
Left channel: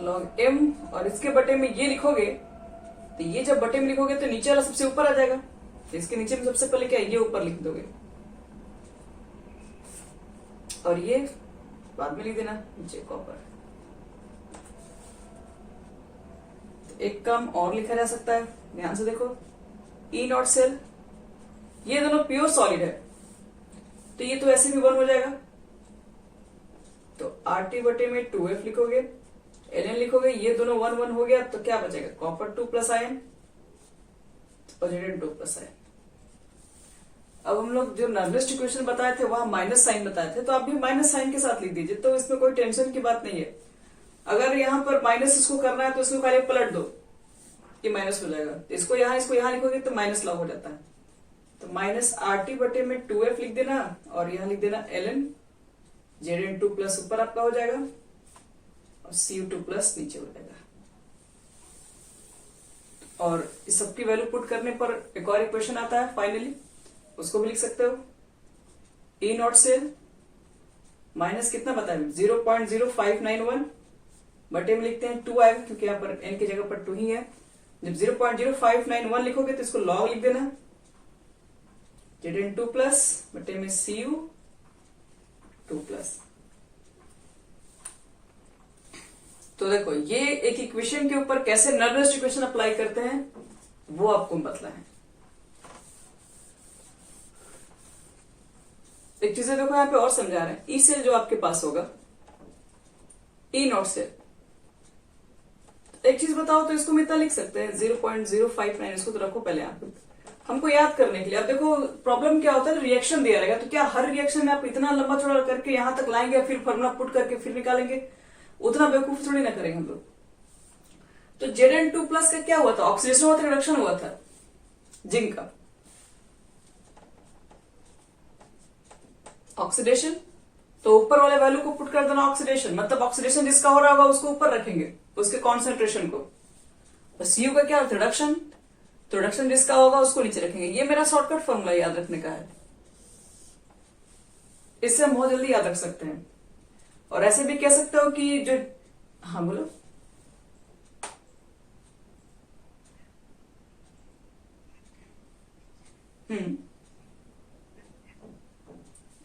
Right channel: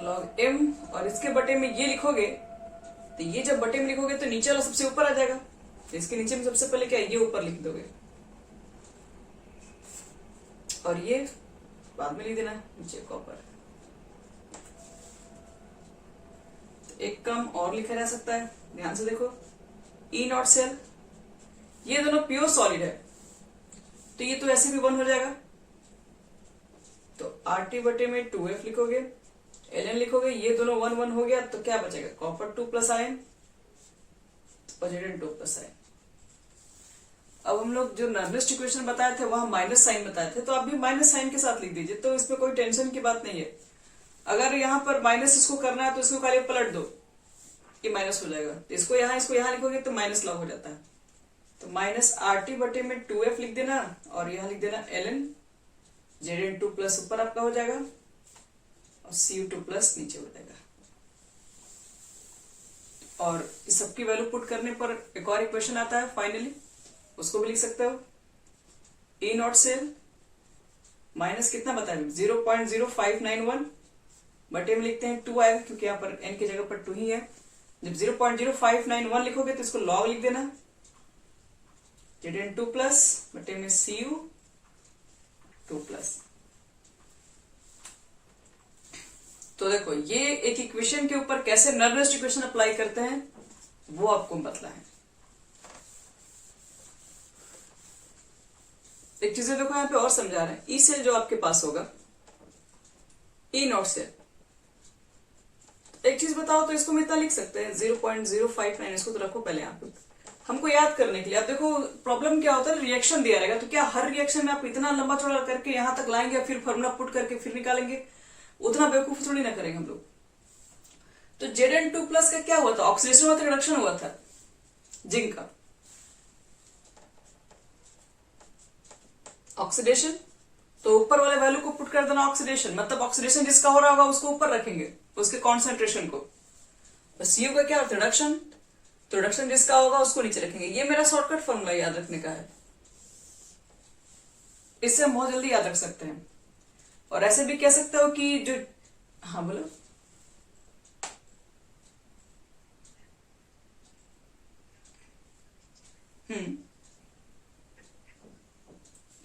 log m, और इसके बटे में ये लिखोगे, तो ये जब बटे में लिखोगे तो नीचे वाला सबसे ऊपर आ जाएगा, तो इसके नीचे में सबसे पहले क्या है, ये ऊपर लिख दोगे, और ये बाद में लिख देना नीचे कॉपर। एक काम और लिखा जा सकता है, ध्यान से देखो, ई नॉट सेल, ये दोनों प्योर सॉलिड है, तो ये तो ऐसे भी 1 हो जाएगा, तो आर टी बटे में 2f लिखोगे, ln लिखोगे, ये दोनों 1 1 हो गया, तो क्या बचेगा, कॉपर 2 प्लस आयन और zn2 प्लस आयन। अब हम लोग जो नर्वस इक्वेशन बताए थे वहां माइनस साइन बताए थे, तो आप भी माइनस साइन के साथ लिख दीजिए, तो इसमें कोई टेंशन की बात नहीं है। अगर यहाँ पर माइनस इसको करना है तो इसको खाली पलट दो, ये माइनस हो जाएगा, इसको यहाँ लिखोगे तो माइनस लॉग हो जाता है, तो माइनस आर टी बटे में 2f लिख देना, और यहाँ लिख देना ln zn2 प्लस ऊपर आपका हो जाएगा, और cu2 प्लस नीचे हो जाएगा। और इस सबकी वैल्यू पुट करने पर एक और इक्वेशन आता है फाइनली, उसको भी लिख सकते हो, ई नॉट सेल माइनस कितना बताए 0.0591 बटे में लिखते हैं 2 आएगा, क्योंकि यहाँ पर n की जगह पर 2 ही है। जब 0.0591 लिखोगे तो इसको log लिख देना, zn2 प्लस बटे में cu2 प्लस। तो देखो ये एक इक्वेशन के ऊपर कैसे नर्वस इक्वेशन अप्लाई करते हैं वो आपको बतला है। एक चीज देखो यहाँ पे और समझा रहे हैं, ई सेल जो आपके पास होगा, ई नॉट सेल, एक चीज बताओ तो इसको हम इतना लिख सकते हैं 0.059, इसको तो रखो पहले यहाँ पे हमको याद करने के लिए। अब देखो प्रॉब्लम क्या होता है, रिएक्शन दिया रहेगा, तो क्या हर रिएक्शन में आप इतना लंबा चौड़ा करके यहां तक लाएंगे, फिर फॉर्मूला पुट करके फिर निकालेंगे, उतना बेवकूफ थोड़ी ना करेंगे हम लोग। तो Zn2 प्लस का क्या हुआ था, ऑक्सीडेशन हुआ था, रिडक्शन हुआ था जिंक का, ऑक्सीडेशन, तो ऊपर वाले वैल्यू को पुट कर देना ऑक्सीडेशन, मतलब ऑक्सीडेशन जिसका हो रहा होगा उसको ऊपर रखेंगे, उसके कॉन्सेंट्रेशन को। Cu का क्या होता है, रिडक्शन, तो रिडक्शन जिसका होगा उसको नीचे रखेंगे। ये मेरा शॉर्टकट फॉर्मूला याद रखने का है, इससे हम बहुत जल्दी याद रख सकते हैं। और ऐसे भी कह सकते हो कि जो, हाँ बोलो,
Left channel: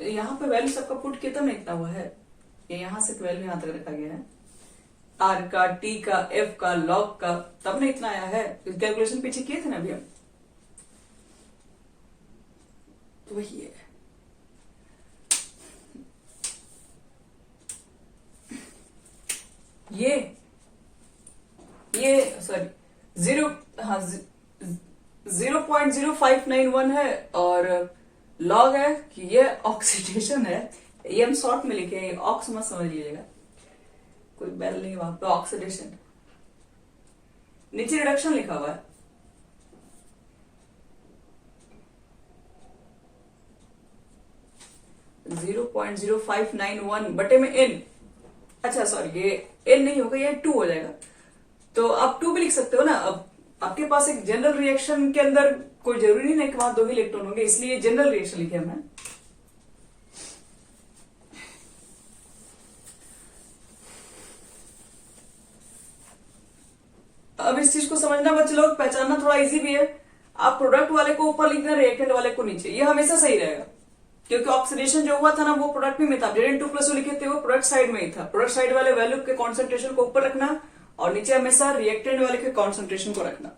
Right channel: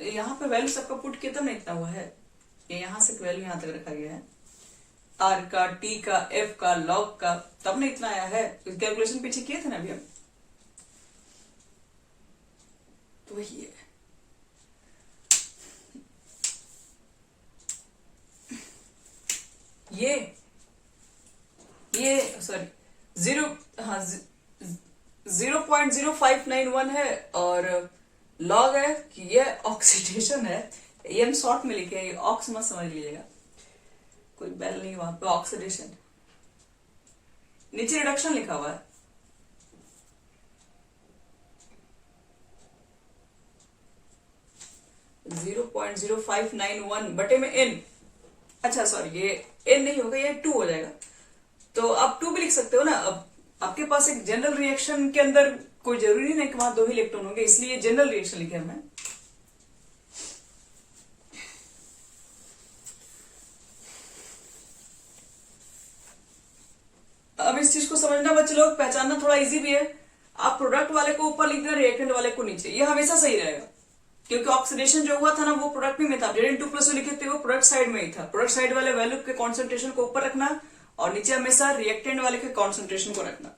यहाँ पे वैल्यू सबका पुट किया तब ना इतना हुआ है, ये यहां से वैल्यू यहां तक रखा गया है, आर का, टी का, एफ का, लॉग का, तब ना इतना आया है। कैलकुलेशन पीछे किए थे ना अभी हम, तो वही है। ये सॉरी 0.0591 है, और लॉग है कि ये ऑक्सीडेशन है, ये हम शॉर्ट में लिखे हैं, ऑक्स मत समझ लीजिएगा, कोई बेल नहीं वहां पे, ऑक्सीडेशन। नीचे रिडक्शन लिखा हुआ है, जीरो 0.0591 बटे में n। अच्छा सॉरी, ये n नहीं होगा, ये 2 हो जाएगा। तो आप 2 भी लिख सकते हो ना। अब आपके पास एक जनरल रिएक्शन के अंदर कोई जरूरी नहीं कि वहां 2 ही इलेक्ट्रॉन होंगे, इसलिए जनरल रिएक्शन लिखे हमने। अब इस चीज को समझना बच्चे लोग, पहचानना थोड़ा इजी भी है। आप प्रोडक्ट वाले को ऊपर लिखना, रिएक्टेंट वाले को नीचे, ये हमेशा सही रहेगा, क्योंकि ऑक्सीडेशन जो हुआ था ना वो प्रोडक्ट में था। Zn2+ लिखे थे वो प्रोडक्ट साइड में ही था। प्रोडक्ट साइड वाले वैल्यू के कॉन्सेंट्रेशन को ऊपर रखना और नीचे हमेशा रिएक्टेंट वाले के कॉन्सेंट्रेशन को रखना।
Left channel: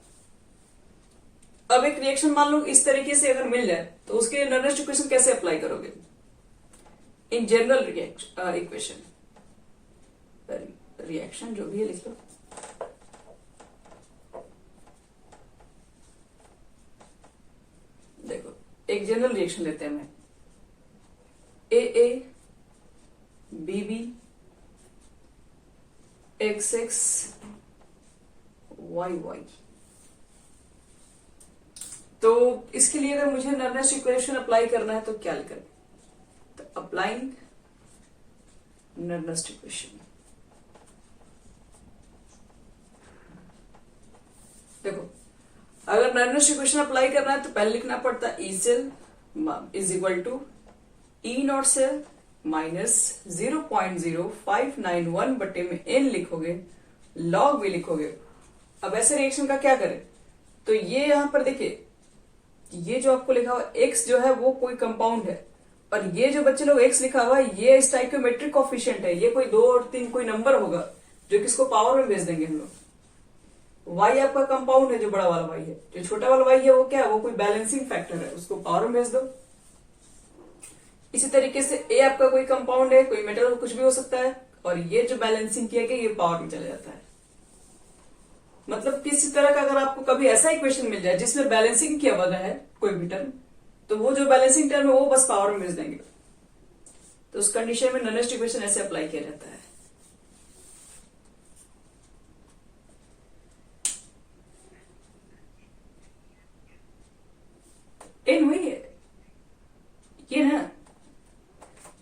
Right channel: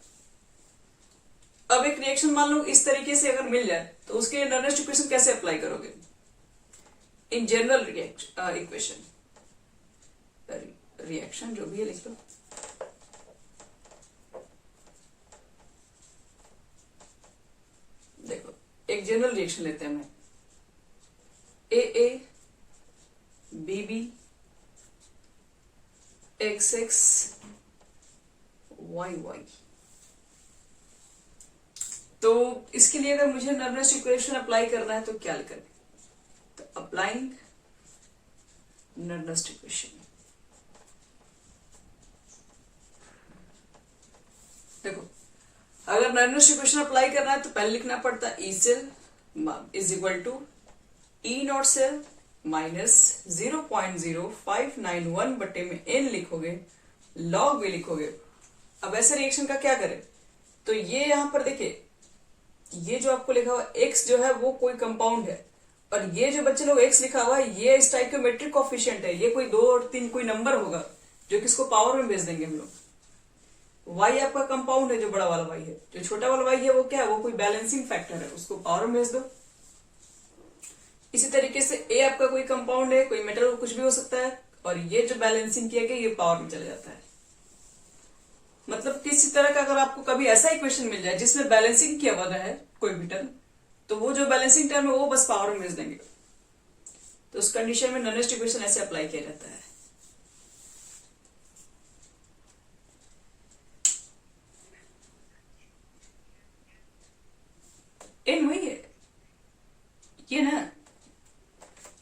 अब एक रिएक्शन मान लो इस तरीके से अगर मिल जाए तो उसके नर्नेस्ट इक्वेशन कैसे अप्लाई करोगे? इन जनरल इक्वेशन, रिएक्शन जो भी है लिख लो। देखो एक जनरल रिएक्शन लेते हैं हमें, AA BB XX YY। तो इसके लिए अगर मुझे नर्नेस्ट इक्वेशन अप्लाई करना है तो क्या लिखें? तो अप्लाइंग नर्नेस्ट इक्वेशन। देखो अगर नर्नेस्ट इक्वेशन अप्लाई करना है तो पहले लिखना पड़ता है E cell is equal to E naught cell minus 0.0591 बटे में n लिखोगे, लॉग भी लिखोगे। अब ऐसे रिएक्शन का क्या करें? तो ये यहां पर देखिए, ये जो आपको लिखा हुआ x जो है वो कोई कंपाउंड है, और ये जो बच्चे लोग x लिखा हुआ है ये स्टाइकियोमेट्रिक कोएफिशिएंट है। ये कोई 2 और 3 कोई नंबर होगा जो किसको पावर में भेज देंगे हम लोग। y आपका कंपाउंड है, जो बड़ा वाला y है। जो छोटा वाला y है वो क्या है? वो कोई बैलेंसिंग फैक्टर है, उसको पावर में भेज दो। इसी तरीके से a आपका कोई कंपाउंड है, कोई मेटल कुछ भी हो सकता है, और ये जो बैलेंसिंग किया गया ये पावर में चले जाता है। मतलब किसी तरह का अगर आपको कभी ऐसा इक्वेशन मिल जाए जिसमें बैलेंसिंग किया हुआ है कोई भी टर्म, तो वो जो बैलेंसिंग टर्म है वो बस पावर में भेज देंगे। तो उस कंडीशन में नर्नेस्ट इक्वेशन ऐसे अप्लाई किया जाता है। एन वही है ये ना,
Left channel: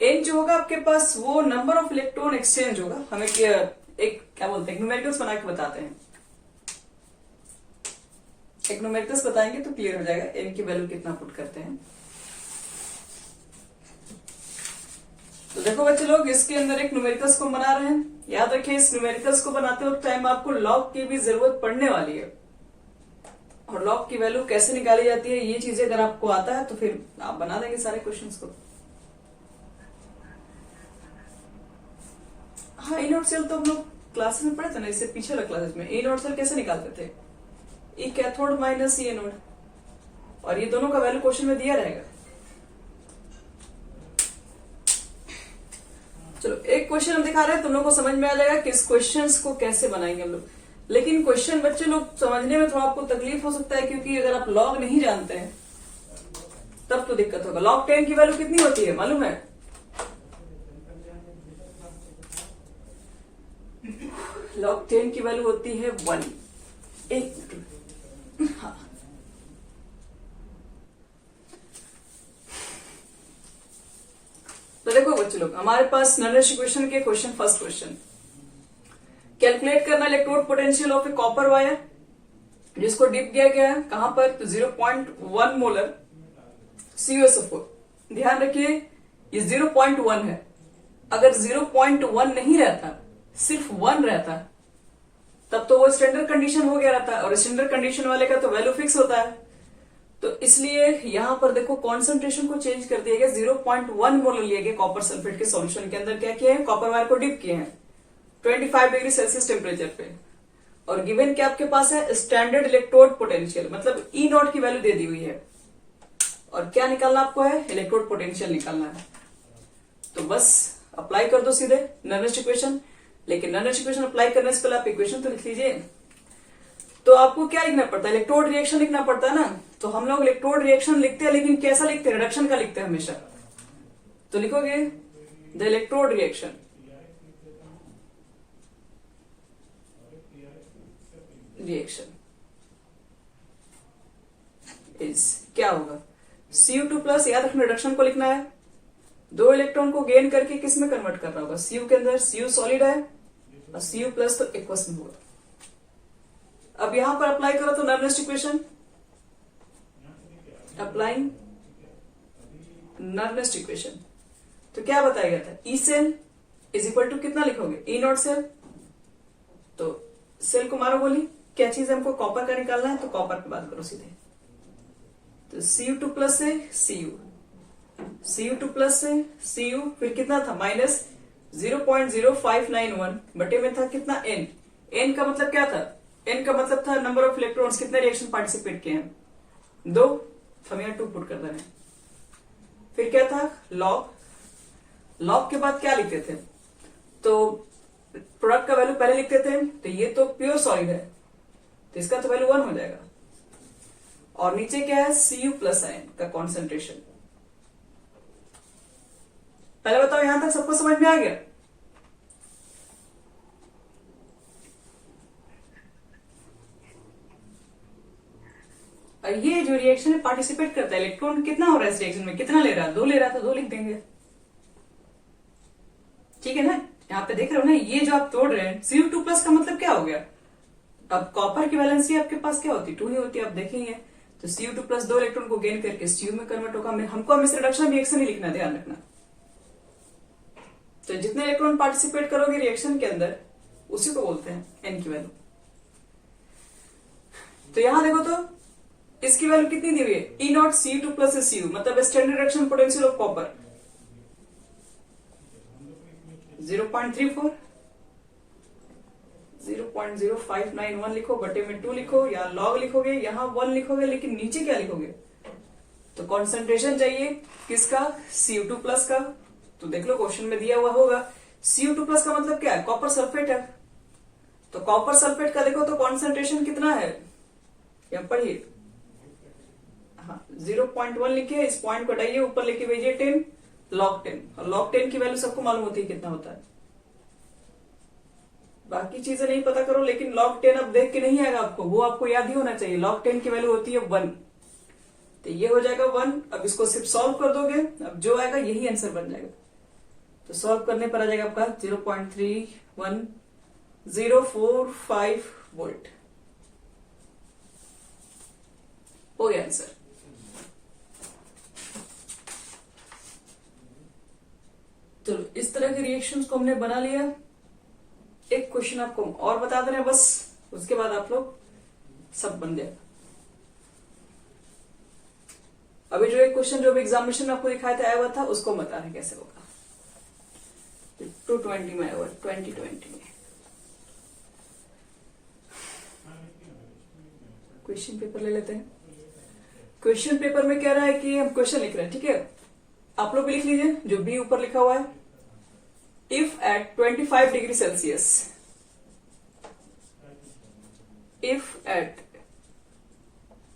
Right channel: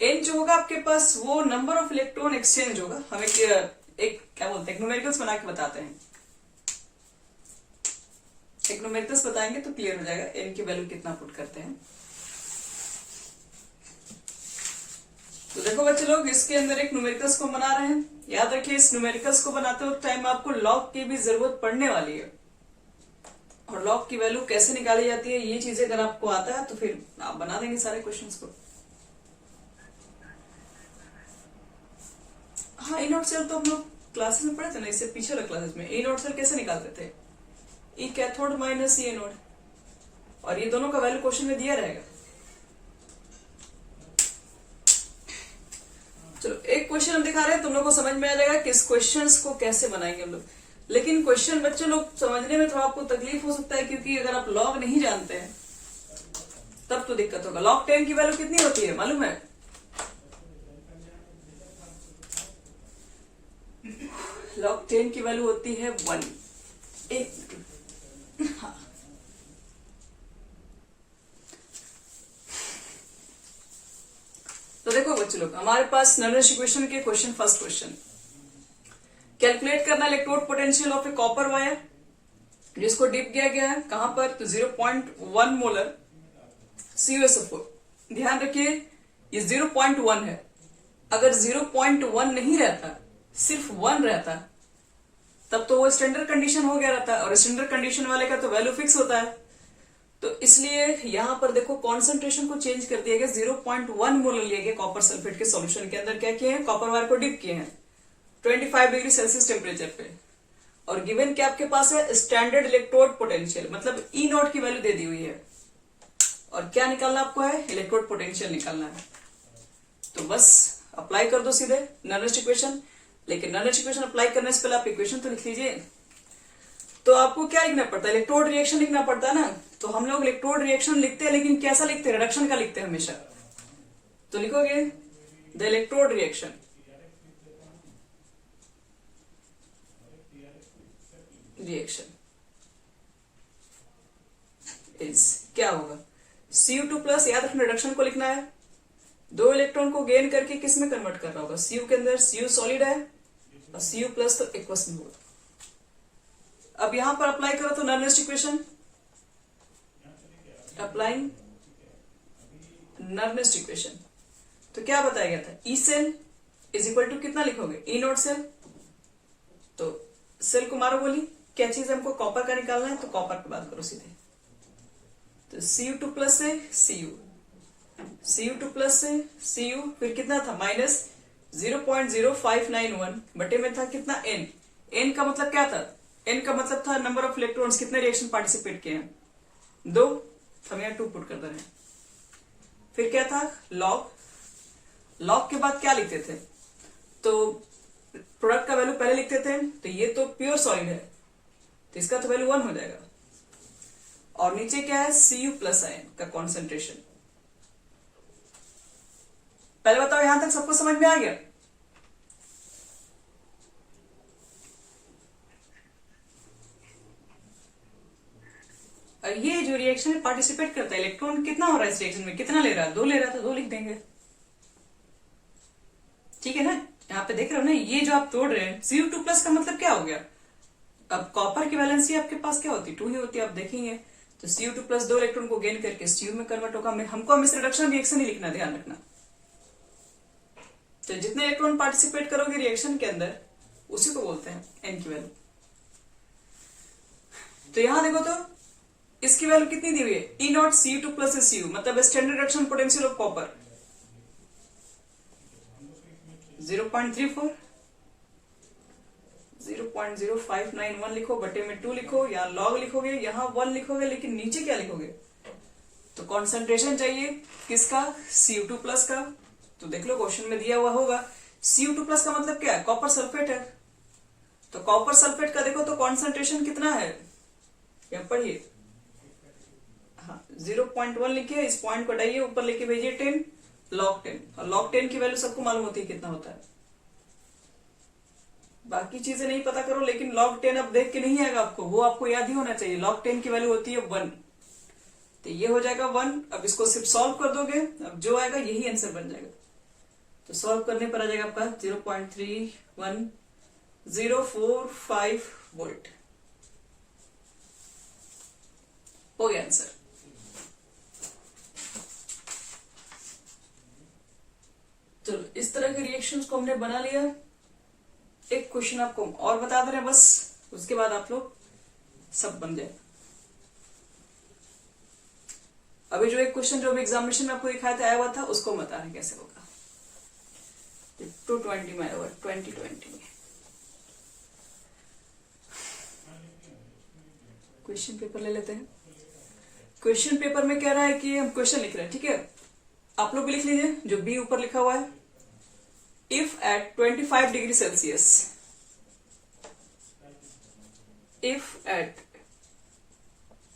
एन जो होगा आपके पास वो नंबर ऑफ इलेक्ट्रॉन एक्सचेंज होगा। हमें एक क्या बोलते हैं, न्यूमेरिकल्स बना के बताते हैं। एक न्यूमेरिकल्स बताएंगे तो क्लियर हो जाएगा एन की वैल्यू कितना पुट करते हैं। तो देखो बच्चे लोग, इसके अंदर एक न्यूमेरिकल्स को बना रहे हैं। याद रखिए इस न्यूमेरिकल्स को बनाते वक्त टाइम आपको लॉग की भी जरूरत पड़ने वाली है, और लॉग की वैल्यू कैसे निकाली जाती है ये चीजें अगर आपको आता है तो फिर आप बना देंगे सारे क्वेश्चंस को। हाँ, ई नॉट सेल तो हम लोग क्लासेस में पढ़े थे ना, इससे पिछले क्लासेस में। ई नॉट सेल कैसे निकालते थे? ई कैथोड माइनस ई एनोड, और ये दोनों का वैल्यू क्वेश्चन में दिया रहेगा। चलो एक क्वेश्चन हम दिखा रहे हैं, तुम लोग को समझ में आ जाएगा कि इस क्वेश्चंस को कैसे बनाएंगे हम लोग। लेकिन क्वेश्चन बच्चे लोग समझने में थोड़ा आपको तकलीफ हो सकता है, क्योंकि अगर आप लॉग नहीं जानते हैं तब तो दिक्कत होगा। लॉग 10 की वैल्यू कितनी होती है मालूम है? लॉग 10 की वैल्यू होती है 1। हाँ। तो देखो बच्चे लोग, हमारे पास नर्नेस्ट इक्वेशन के क्वेश्चन, फर्स्ट क्वेश्चन, कैलकुलेट करना electrode potential of A copper wire जिसको डिप किया गया है कहां पर? तो 0.1 मोलर CuSO4। ध्यान रखिए ये 0.1 है। अगर 0.1 नहीं रहता, सिर्फ 1 रहता, तब तो वो स्टैंडर्ड कंडीशन हो गया रहता, और स्टैंडर्ड कंडीशन वाले का तो वैल्यू फिक्स होता है। तो इसलिए यहां पर देखो कॉन्सेंट्रेशन को चेंज कर दिया गया, 0.1 मोलर लिया गया कॉपर सल्फेट के सॉल्यूशन के अंदर। क्या किया है? कॉपर वायर को डिप किए हैं 25 डिग्री सेल्सियस टेम्परेचर पे, और गिवन क्या आपके पास है? स्टैंडर्ड इलेक्ट्रोड पोटेंशियल, मतलब ई नॉट की वैल्यू दे दी हुई है, और क्या निकालना आपको है? इलेक्ट्रोड पोटेंशियल निकालना है। तो बस अप्लाई कर दो सीधे नर्नेस्ट इक्वेशन। लेकिन नर्नेस्ट इक्वेशन अप्लाई करने से पहले आप इक्वेशन तो लिख लीजिए। तो आपको क्या लिखना पड़ता है, इलेक्ट्रोड रिएक्शन लिखना पड़ता है ना। तो हम लोग इलेक्ट्रोड रिएक्शन लिखते हैं, लेकिन कैसा लिखते हैं, रिडक्शन का लिखते हैं हमेशा। तो लिखोगे द इलेक्ट्रोड रिएक्शन इज क्या होगा, Cu2 प्लस, याद रखना रिडक्शन को लिखना है, 2 इलेक्ट्रॉन को गेन करके किस में कन्वर्ट कर रहा होगा, Cu के अंदर। Cu सॉलिड है और Cu प्लस तो एक्वस में होगा। अब यहां पर अप्लाई करो तो Nernst equation, applying Nernst equation, तो क्या बताया गया था, E cell is equal to कितना लिखोगे, ई नॉट सेल। तो सेल को मारो गोली, क्या चीज हमको कॉपर का निकालना है, तो कॉपर की बात करो सीधे। तो Cu2 प्लस से Cu2 प्लस से Cu, फिर कितना था माइनस 0.0591 बटे में था कितना N। N का मतलब क्या था, N का मतलब था नंबर ऑफ इलेक्ट्रॉन्स, कितने रिएक्शन पार्टिसिपेट किए हैं, 2, हम यहाँ 2 पुट कर रहे हैं। फिर क्या था लॉग के बाद क्या लिखते थे, तो प्रोडक्ट का वैल्यू पहले लिखते थे, तो ये तो प्योर सॉलिड है तो इसका तो वैल्यू 1 हो जाएगा। और नीचे क्या है, Cu प्लस आयन का कॉन्सेंट्रेशन। पहले बताओ यहां तक सबको समझ में आ गया। और ये जो रिएक्शन में पार्टिसिपेट करता है, इलेक्ट्रॉन कितना हो रहा है इस रिएक्शन में, कितना ले रहा है, 2 ले रहा था, 2 लिख देंगे, ठीक है ना। यहाँ पे देख रहे हो ना, ये जो आप तोड़ रहे हैं, Cu2 प्लस का मतलब क्या हो गया, अब कॉपर की वैलेंसी आपके पास क्या होती है, 2 ही होती है, आप देखेंगे। तो Cu2 प्लस 2 इलेक्ट्रॉन को गेन करके Cu में कन्वर्ट होगा। हमको हमेशा रिडक्शन रिएक्शन ही लिखना, ध्यान रखना। तो जितने इलेक्ट्रॉन पार्टिसिपेट करोगे रिएक्शन के अंदर, उसी को बोलते हैं N की वैल्यू। तो यहां देखो तो इसकी वैल्यू कितनी दी हुई है, E not Cu2 plus Cu, मतलब standard reduction potential of copper 0.34, 0.0591 लिखो, बटे में 2 लिखो, या लॉग लिखोगे, यहां 1 लिखोगे, लेकिन नीचे क्या लिखोगे, तो कॉन्सेंट्रेशन चाहिए किसका, Cu2 प्लस का। तो देख लो क्वेश्चन में दिया हुआ होगा, Cu2 प्लस का मतलब क्या है, कॉपर सल्फेट है। तो कॉपर सल्फेट का देखो तो कॉन्सेंट्रेशन कितना है, यहां पढ़िए, हाँ 0.1 लिखिए, इस पॉइंट को हटाइए, ऊपर लिखिए भेजिए 10 log 10, और log 10 की वैल्यू सबको मालूम होती है कितना होता है। बाकी चीजें नहीं पता करो, लेकिन log 10 अब देख के नहीं आएगा आपको, वो आपको याद ही होना चाहिए। log 10 की वैल्यू होती है 1, तो ये हो जाएगा 1। अब इसको सिर्फ सॉल्व कर दोगे, अब जो आएगा यही आंसर बन जाएगा। तो सॉल्व करने पर आ जाएगा आपका 0.31045 वोल्ट, हो गया आंसर। चलो इस तरह के रिएक्शंस को हमने बना लिया। एक क्वेश्चन आपको और बता दे रहे हैं बस, उसके बाद आप लोग सब बन जाए। अभी जो एक क्वेश्चन जो एग्जामिनेशन में आपको दिखाया था आया हुआ था, उसको बता रहे कैसे होगा। 220 में आया हुआ, 2020 में। क्वेश्चन पेपर ले लेते हैं। क्वेश्चन पेपर में कह रहा है कि हम क्वेश्चन लिख रहे हैं, ठीक है, आप लोग भी लिख लीजिए जो बी ऊपर लिखा हुआ है। If at 25 degree Celsius, if at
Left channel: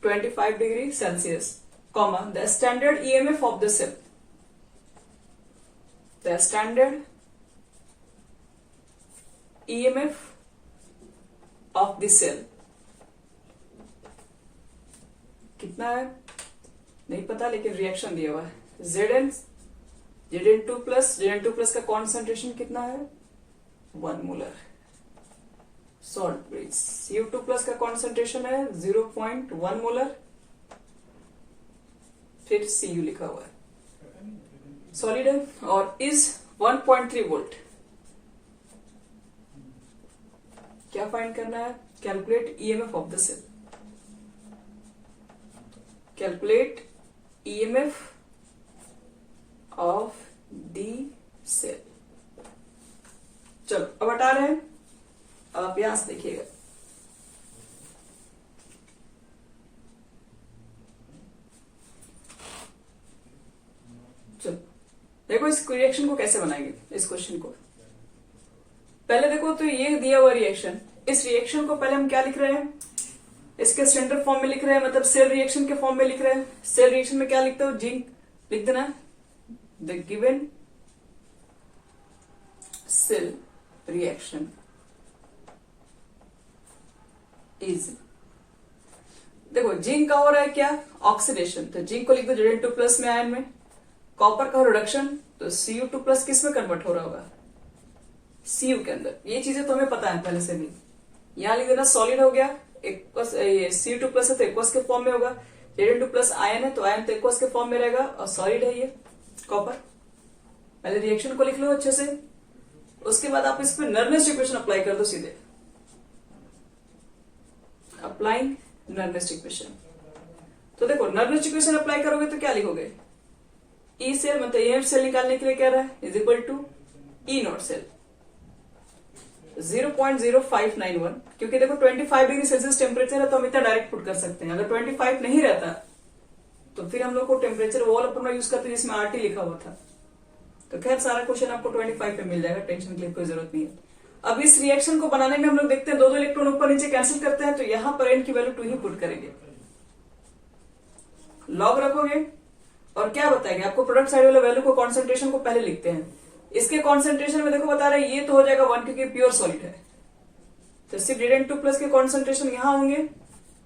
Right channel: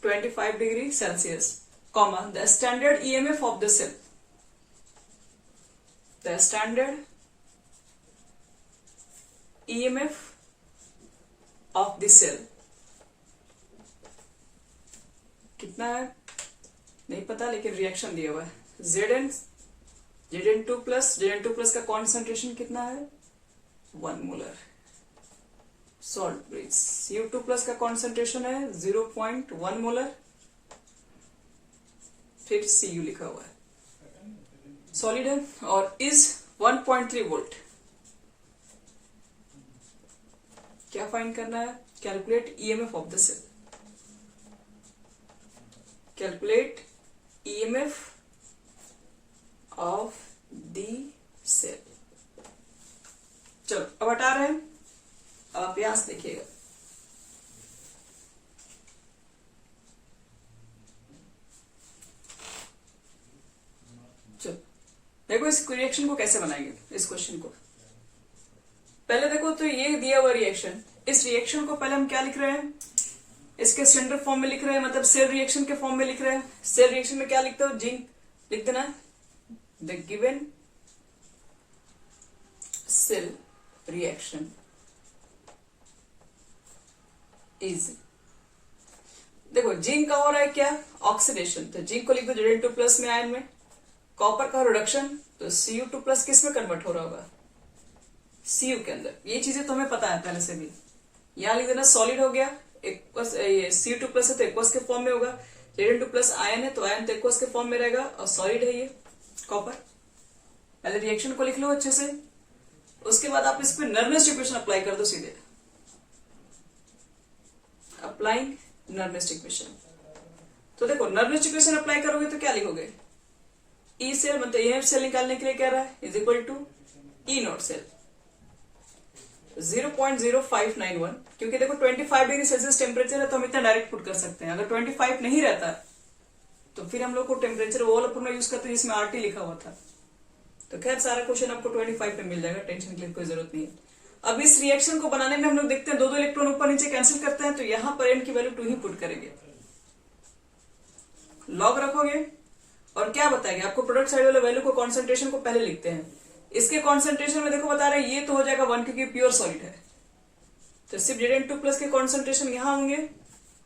25 degree Celsius, comma, the standard EMF of the cell, the standard EMF of the cell कितना है नहीं पता, लेकिन रिएक्शन दिया हुआ है Zn2 प्लस का कॉन्सेंट्रेशन कितना है 1 molar salt bridge. Cu2 plus का कॉन्सेंट्रेशन है 0.1 मोलर, फिर Cu लिखा हुआ है, सॉलिड है, और इज 1.3 वोल्ट। क्या फाइंड करना है, calculate EMF of the cell, calculate EMF of the cell. चलो अब हटा रहे हैं, अब अभ्यास देखिएगा। चलो देखो इस रिएक्शन को कैसे बनाएंगे, इस क्वेश्चन को पहले देखो तो ये दिया हुआ रिएक्शन, इस रिएक्शन को पहले हम क्या लिख रहे हैं, इसके स्टैंडर्ड फॉर्म में लिख रहे हैं, मतलब सेल रिएक्शन के फॉर्म में लिख रहे हैं। सेल रिएक्शन में क्या लिखते हो, जिंक लिख देना है। The given cell reaction is, देखो जिंक का हो रहा है क्या, ऑक्सीडेशन, तो जिंक को लिख दो Zn2+ में आयन में। कॉपर का रिडक्शन, तो Cu2+ किस में कन्वर्ट हो रहा होगा, Cu के अंदर। ये चीजें तुम्हें पता है पहले से भी। यहां लिख देना सॉलिड हो गया, Cu2+ है तो एक्वस के फॉर्म में होगा। Zn2+ आयन है तो आयन तो एक्वस के फॉर्म में रहेगा, और सॉलिड है ये कॉपर। पहले रिएक्शन को लिख लो अच्छे से, उसके बाद आप इस पर नर्नेस्ट इक्वेशन अप्लाई कर दो सीधे। अप्लाइंग नर्नेस्ट इक्वेशन, तो देखो नर्नेस्ट इक्वेशन अप्लाई करोगे तो क्या लिखोगे, ई सेल मतलब एफ सेल निकालने के लिए क्या रहा है, is equal to E naught cell 0.0591, क्योंकि देखो 25 डिग्री सेल्सियस टेम्परेचर है तो हम इतना डायरेक्ट पुट कर सकते हैं। अगर 25 नहीं रहता तो फिर हम लोग को टेम्परेचर वॉल अपना यूज करते हैं जिसमें आरटी लिखा हुआ था। तो खैर सारा क्वेश्चन आपको 25 पे मिल जाएगा, टेंशन की कोई जरूरत नहीं है। अब इस रिएक्शन को बनाने में हम लोग देखते हैं दो इलेक्ट्रॉन ऊपर नीचे कैंसिल करते हैं, तो यहां पर एन की वैल्यू 2 ही पुट करेंगे, लॉग रखोगे और क्या बताएंगे आपको, प्रोडक्ट साइड वाले वैल्यू को कॉन्सेंट्रेशन को पहले लिखते हैं। इसके कॉन्सेंट्रेशन में देखो बता रहा है ये तो हो जाएगा 1 क्योंकि प्योर सॉलिड है, तो सिर्फ Zn2+ के कॉन्सेंट्रेशन यहां होंगे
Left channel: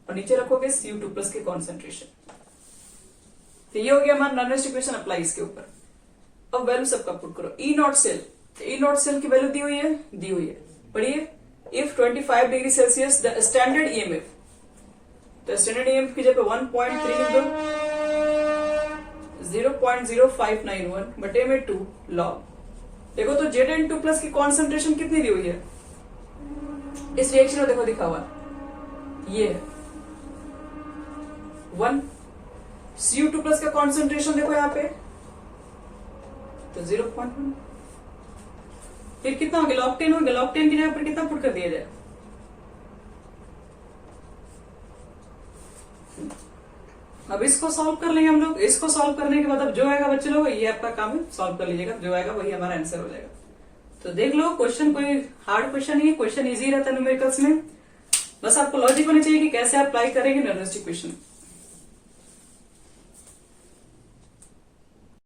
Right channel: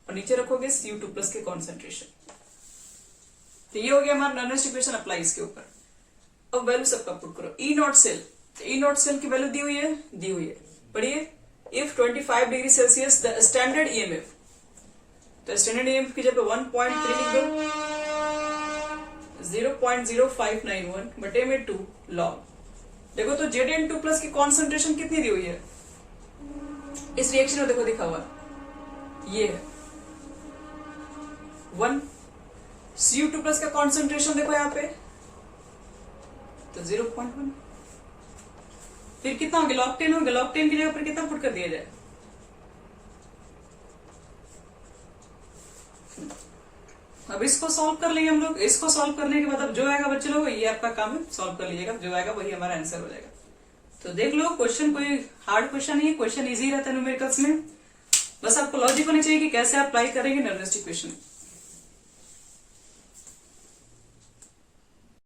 और नीचे रखोगे Cu2+ के कॉन्सेंट्रेशन। तो ये हो गया हमारा नर्नेस्ट इक्वेशन अप्लाई इसके ऊपर। अब वैल्यू सबका पुट करो। ई नॉट सेल, तो ई नॉट सेल की वैल्यू दी हुई है, पढ़िए। If 25 degree Celsius the standard EMF, तो स्टैंडर्ड ईएमएफ की जगह 1.3 लिख दो, 0.0591 बटे में 2 लॉग। देखो तो Zn2+ की कॉन्सेंट्रेशन कितनी दी हुई है इस रिएक्शन में, देखो दिखा हुआ है ये 1। Cu2+ का कॉन्सेंट्रेशन देखो यहाँ पे तो 0.1, फिर कितना हो गया, लॉग 10 हो गया। लॉग 10 की जगह पर कितना पुट कर दिया जाए, अब इसको सॉल्व कर लेंगे हम लोग। इसको सॉल्व करने के बाद अब जो आएगा बच्चे लोग ये आपका काम है, सॉल्व कर लीजिएगा, जो आएगा वही हमारा आंसर हो जाएगा। तो देख लो क्वेश्चन कोई हार्ड क्वेश्चन नहीं है, क्वेश्चन इजी रहता है न्यूमेरिकल्स में, बस आपको लॉजिक होनी चाहिए कि कैसे अप्लाई करेंगे नर्नेस्ट इक्वेशन।